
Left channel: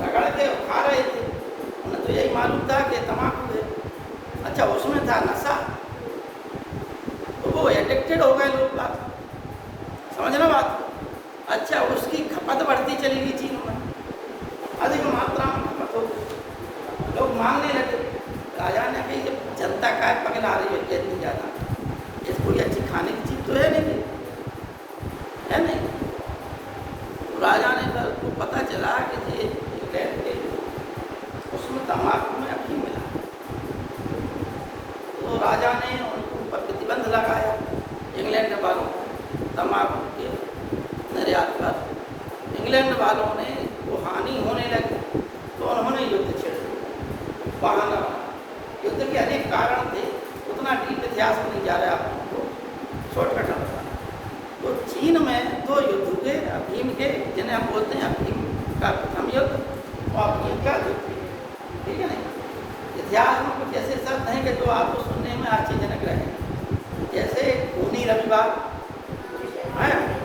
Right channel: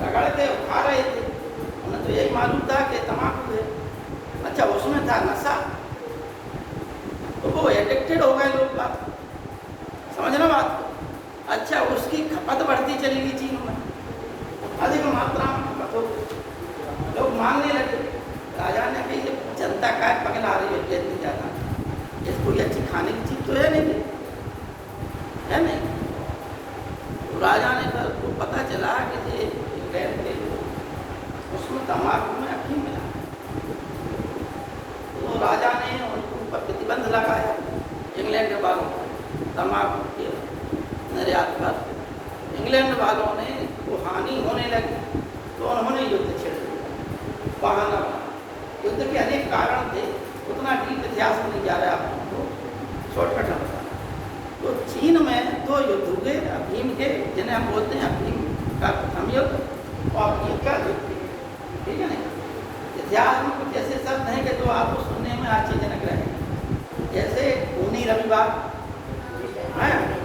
रगड़ के खा रहे थे, उन्हें तो यही मालूम था कि तंबाकू है। अच्छा, उसमें था नशा, तो वो एडिक्टेड हो गए लोग, बात समझ लो बात। अच्छा, उसकी खपत बढ़ती चलेगी चीन में, अधिक मात्रा में खपत हो, लोग मांगने लगे। राजा ने कही जनता का पगला रही है, नहीं जाता, ये कोई अच्छी खाने की चीज तो है नहीं, है नहीं। तो राजा ने कहा, तो पता चला कि ये उसमें तंबाकू में अफीम है, तो राजा ने उनके ऊपर प्रतिबंध लगाया, इंग्लैंड के वालों तंबाकू के निर्यात पर। इंग्लैंड वालों ने वो हानि होने लगी, तो उन्होंने युद्ध छेड़ दिया, बहाना। युद्ध के अनेक कारण थे, उतना डीप इतिहास में नहीं जा रहा है, तो शॉर्टकट है। तो चीन में दो युद्ध हुए अफीम के, जिन्हें हम बोलते हैं अफीम का प्रथम युद्ध और अफीम का युद्ध, ठीक है ना। इतिहास में कुछ ऐसे शब्द हैं कि जो आपको सुनने में आश्चर्यजनक रहे, जैसे खूनी रविवार,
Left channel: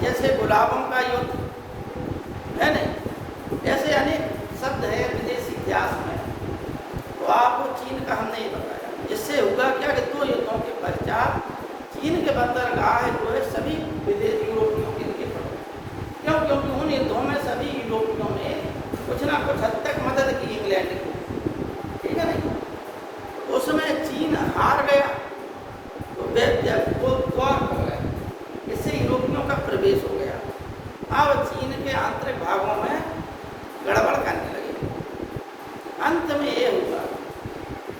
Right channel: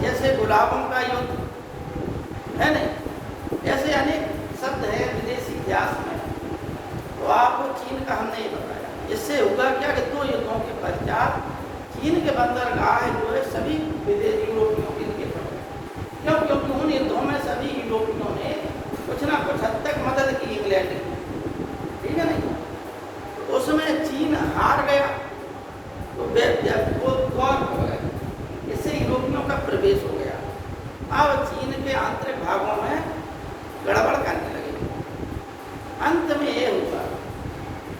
जैसे गुलाबों का युद्ध, है ना, ऐसे अनेक शब्द है विदेशी इतिहास में। तो आपको चीन का हम नहीं बताया। इससे हुआ क्या कि दो युद्धों के पश्चात चीन के बंदरगाह जो है सभी विदेशी यूरोपियों के लिए थे, क्यों, क्योंकि उन युद्धों में सभी यूरोपियों ने कुछ ना कुछ हद तक मदद की इंग्लैंड की, ठीक है ना। उसमें चीन हार गया, तो वो द्वार हो गया, इससे यूरोपियों का प्रवेश हो गया। अब चीन के आंतरिक भागों में गड़बड़ करने लगे। अंत में ये हुआ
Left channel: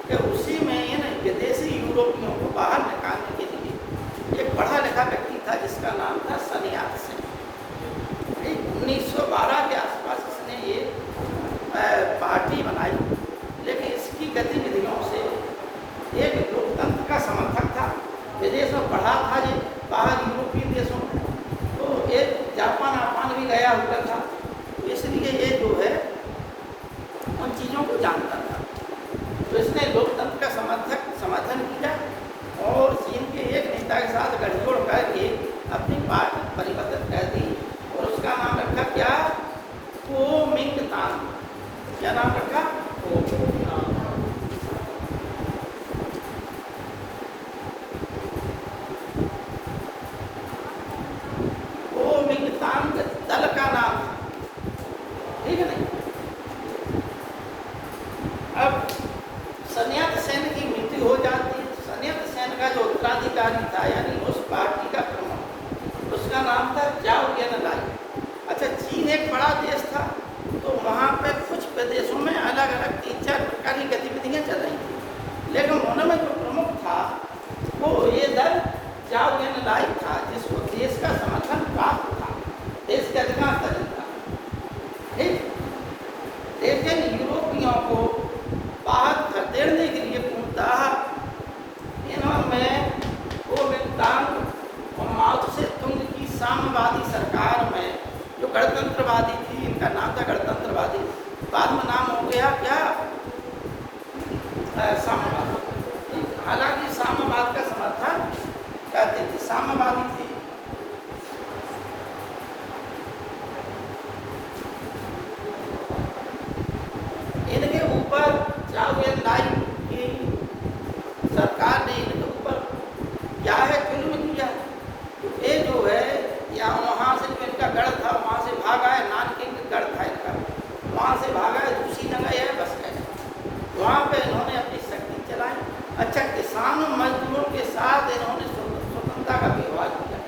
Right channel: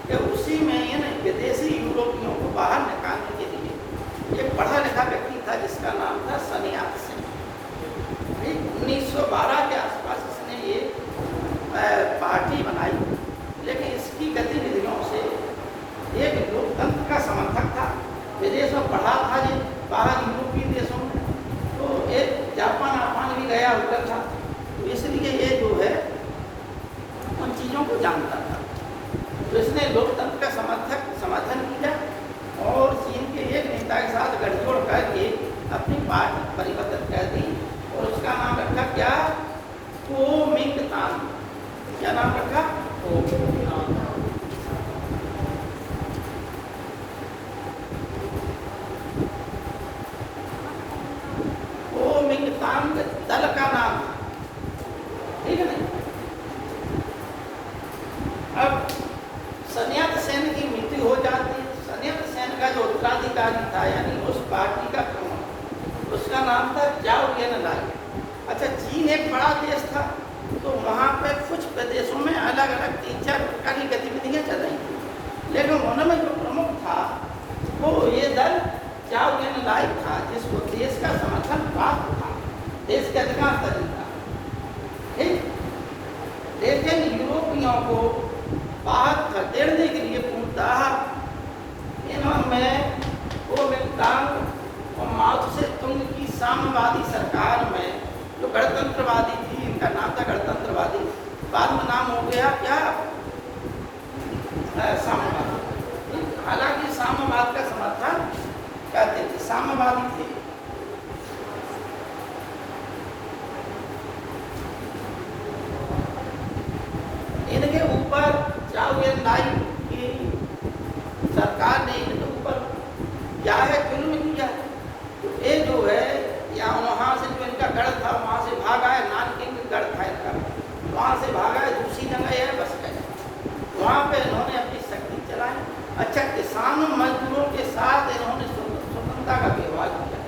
कि उसी में इन विदेशी यूरोपियों को बाहर निकालने के लिए एक पढ़ा लिखा व्यक्ति था जिसका नाम था सन्यास सेन। 1912 के आसपास इसने ये पार्टी बनाई, लेकिन इसकी गतिविधियों से एक लोकतंत्र का समर्थक था, कुओमिंतान दल का नाम था, ठीक है नहीं। अब सन्यात सेन की मृत्यु हो जाती है। सन्यात सेन का जो उत्तराधिकारी था, यानी उस पार्टी का प्रमुख, उसका नाम था जाओ एनलाई। अच्छा, चीन एक बड़ा देश था, तो वहाँ पर कुछ प्रदेशों में अलग अलग 3-4 प्रकार की गतिविधियाँ चल रही थी, लेकिन उनमें जो प्रमुख था वो ये दल जाओ एनलाई था, जिसको देश का समर्थन प्राप्त था, देश के अधिकांश दल था, ठीक। लेकिन यूरोपियों को बाहर खदेड़ने के लिए पूछता इन्होंने कुओमिंतान और माओ से तुंग की साम्यवादी सरकार में जो गणतंत्रवादी थी, इनका नाम था गणतंत्रवादी, बाद में नाम हो गया क्या, साम्यवाद। हालांकि साम्यवाद का समर्थन करते थे, साम्यवादी थे। इनके ऊपर जाओ एनलाई की सरकार ने इनके ऊपर क्या है, क्यों नहीं किया। ये जो है, या वहाँ से जो इनका गढ़ था वहाँ से भागा है, नानकिंग गढ़ था इनका, वहाँ से भागा है, दूसरी जगह है बस गए, वहाँ पे इन्होंने अपनी शक्ति चलाई। अच्छा, किसान मजदूरों के साथ इन्होंने स्वतंत्रता का व्यवहार किया,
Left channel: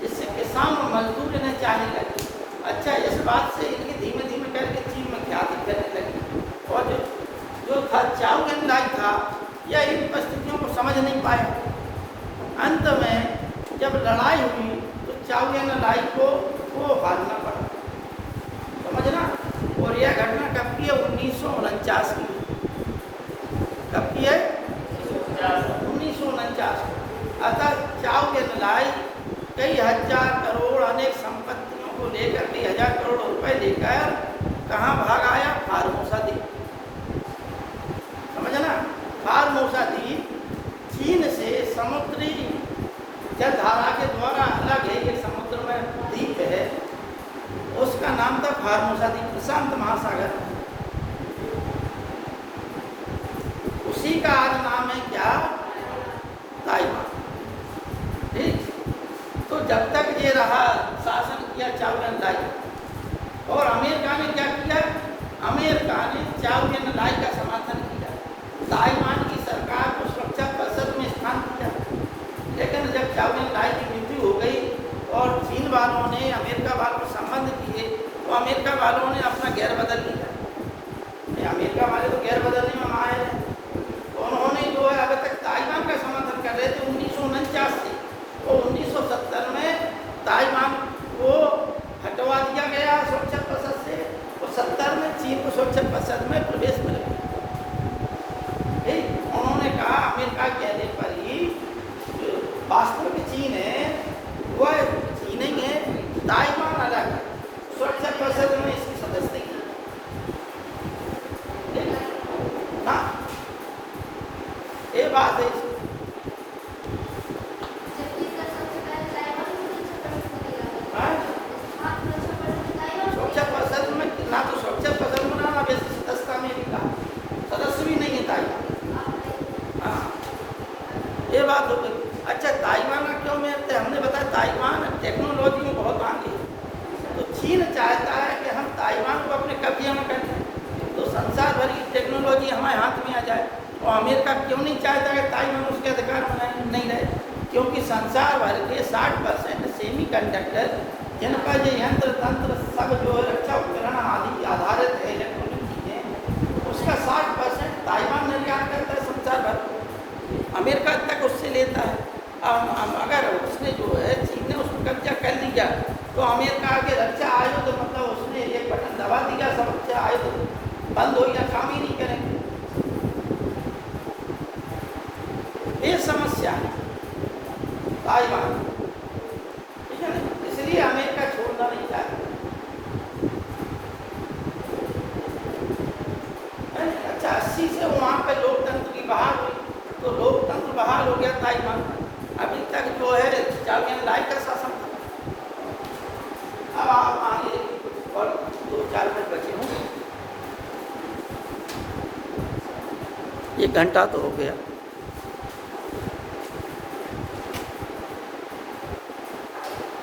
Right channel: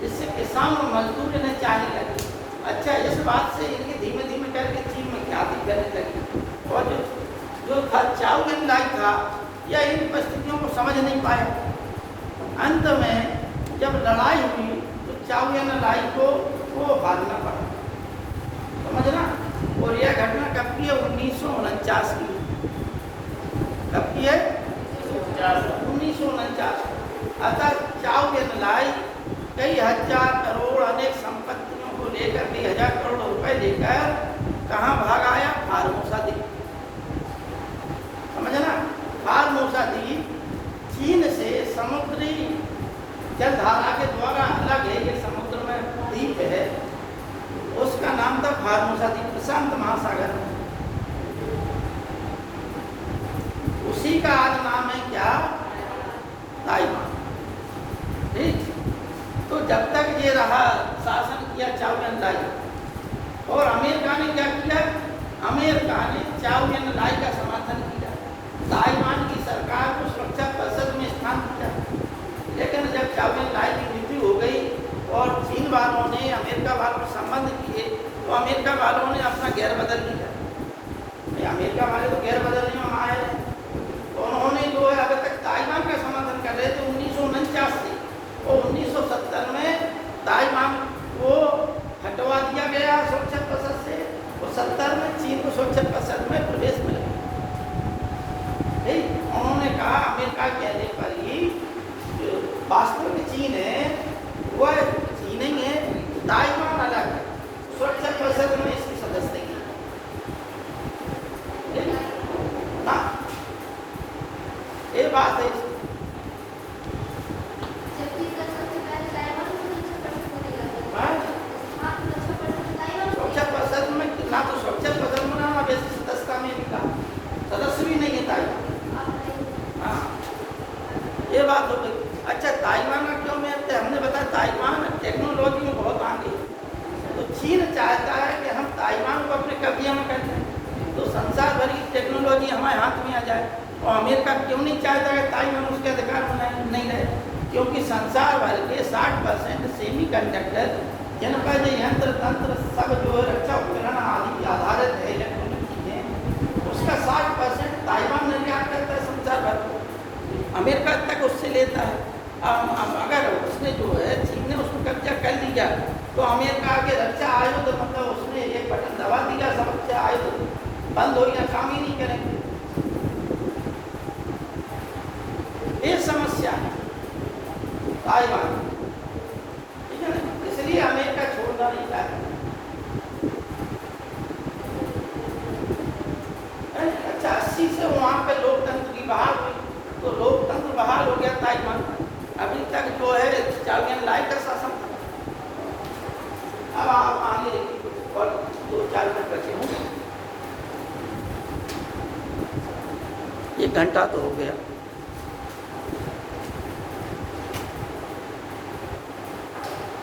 जिससे किसान और मजदूर इन्हें चाहने लगे। अच्छा, इस बात से इनकी धीमे धीमे करके चीन में ख्याति करने लगी, और जो जाओ एनलाई था यह इन परिस्थितियों को समझ नहीं पाया। अंत में जब लड़ाई हुई तो जाओ एनलाई को भागना पड़ा, समझना। और यह घटना कब की है, 1949 की। कब की है, 1949। अतः जाओ एनलाई कई हजार करोड़ अनेक संपत्तियों को लेकर, कई हजार करोड़ रुपए लेकर कहाँ भाग आया, फार्मोसा द्वीप, समझना। फार्मोसा द्वीप चीन से समुद्री जलधारा के द्वारा अलग है, ये समुद्र में द्वीप है, उसका नाम था फार्मोसा द्वीप, प्रशांत महासागर। उसी का आज नाम है क्या, ताइवान, ठीक। तो जब तक ये रहा, शासन किया जाओ एनलाई, और अमेरिका ने क्या किया, अमेरिका ने जाओ एनलाई का समर्थन किया, ताइवान की सरकार को सुरक्षा परिषद में स्थान दिया। लेकिन जब जाओ एनलाई की मृत्यु हो गई और चीन वालों ने अमेरिका वालों से संबंध किए, तो अमेरिका वालों ने अपना गैर बदल लिया। अमेरिका वाले तो गैर बदलने में माहिर है, तो उन्होंने जो है अब तक ताइवान का समर्थन कर रहे थे 1949 से, और 1970 में ताइवान को हटवा दिया गया सुरक्षा परिषद से, और 70 में चीन को सुरक्षा परिषद में प्रवेश मिला। उन्होंने कहा अमेरिका कहने पर ही वास्तव में चीन है, वह चीन ही है, ताइवान अलग है, सुरक्षा परिषद में इसकी सदस्य नहीं ना, ये बात है। सुरक्षा परिषद में ना तो सुरक्षा परिषद में ना सदस्य में मिला, सदस्य भी नहीं है ताइवान। हाँ, ये बात हो गई। अच्छा, ताइवान का क्यों महत्व है, हमने बताया ताइवान टेक्नोलॉजी में बहुत आगे, तो चीन चाहता है कि हम ताइवान को अपने कब्जे में करें, तो संसार भर की टेक्नोलॉजी हमारे हाथ में आ जाए। और अमेरिका क्यों नहीं चाहता कि ताइवान उसके अधिकार में नहीं रहे, क्योंकि संसार भर के 60% सेमी कंडक्टर, जिन पर जो यंत्र तंत्र सब जो है रक्षा उपकरण आदि आधारित है, उसका 60% ताइवान निर्यात करता है संसार भर को, अमेरिका तक उससे लेता है। अगर उसने जो है चीन ने उसको कब्जा कर लिया, तो अमेरिका के रक्षा आयुध, तो मतलब उसने ये बटन दबा दिया, सब रक्षा आयुध बंद हो गया, काम ही नहीं करेंगे। ये समस्या है ताइवान, ठीक है ना, इसलिए अमेरिका छोड़ना नहीं चाहता। अच्छा, 80 से वहाँ पे लोकतंत्र की बहाल हुई, तो लोकतंत्र बहाल हो गया ताइवान। अभी तक जो है जाओ एनलाई का शासन। अब आप आगे और 2-4 मिनट बचे हों। 1 घंटा तो हो गया।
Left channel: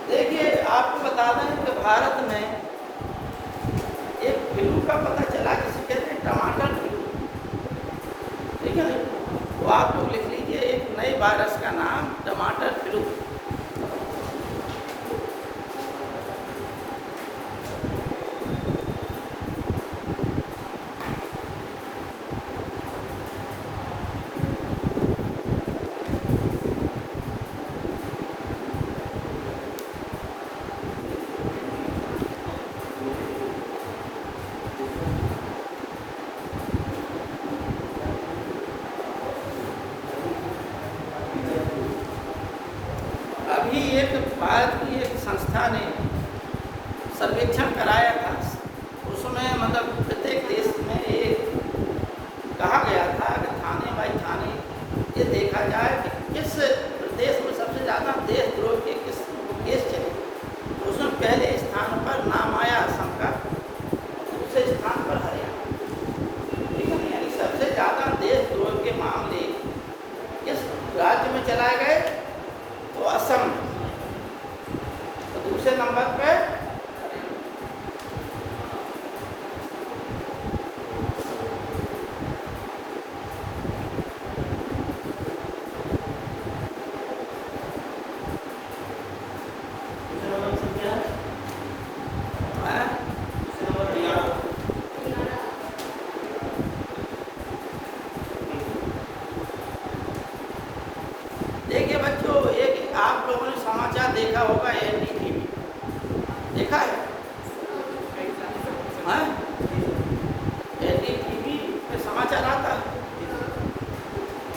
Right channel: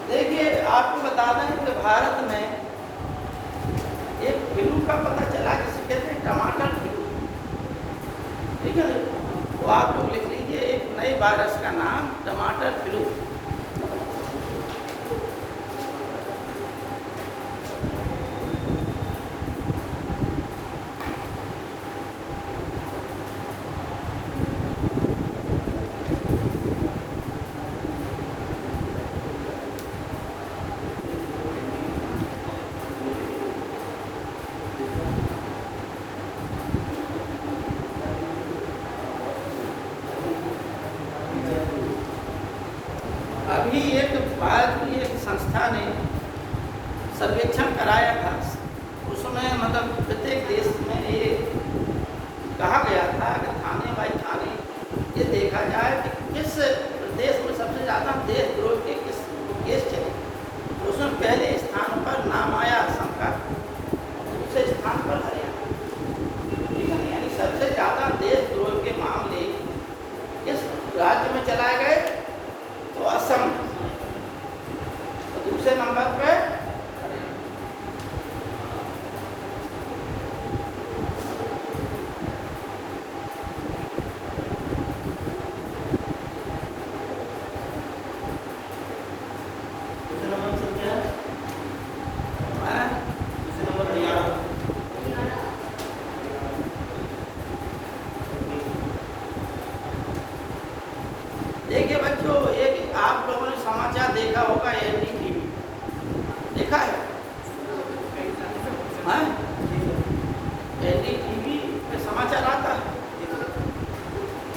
देखिए, आपको बता दें कि भारत में एक फ्लू का पता चला, जिसे कहते हैं टमाटर फ्लू। ठीक है ना, तो आप लोग लिख लीजिए एक नए वायरस का नाम टमाटर फ्लू। अभी एक भारत की एक संस्था ने सर्वेक्षण कराया था, उसमें मतलब प्रत्येक देश में ये कहा गया था कि खाने बाई खाने ये देखा जाए कि किस देश में सबसे ज़्यादा देशद्रोह के किस केस चले। उसमें पहले स्थान पर नाम आया असम का, दूसरे स्थान पर हरियाणा। यानी सबसे ज़्यादा देशद्रोह के मामले किस राज्य में चलाए गए, तो असम। तो दूसरे नंबर पे देखिए बच्चों, एक आप लोगों ने समाचार देखा होगा, एनडीटीवी देखा है? हाँ, एनडीटीवी पे समाचार आता है।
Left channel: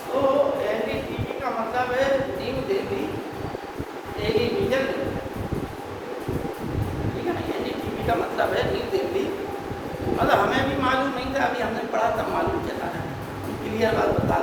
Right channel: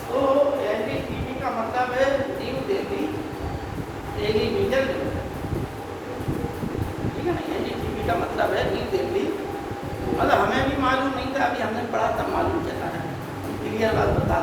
तो एनडीटीवी का मतलब है न्यू दिल्ली टेलीविजन। ठीक है ना, एनडीटीवी का मतलब है न्यू दिल्ली। मतलब हमें भी मालूम नहीं था, अभी हमने पढ़ा था, मालूम चला। क्लियर बात बता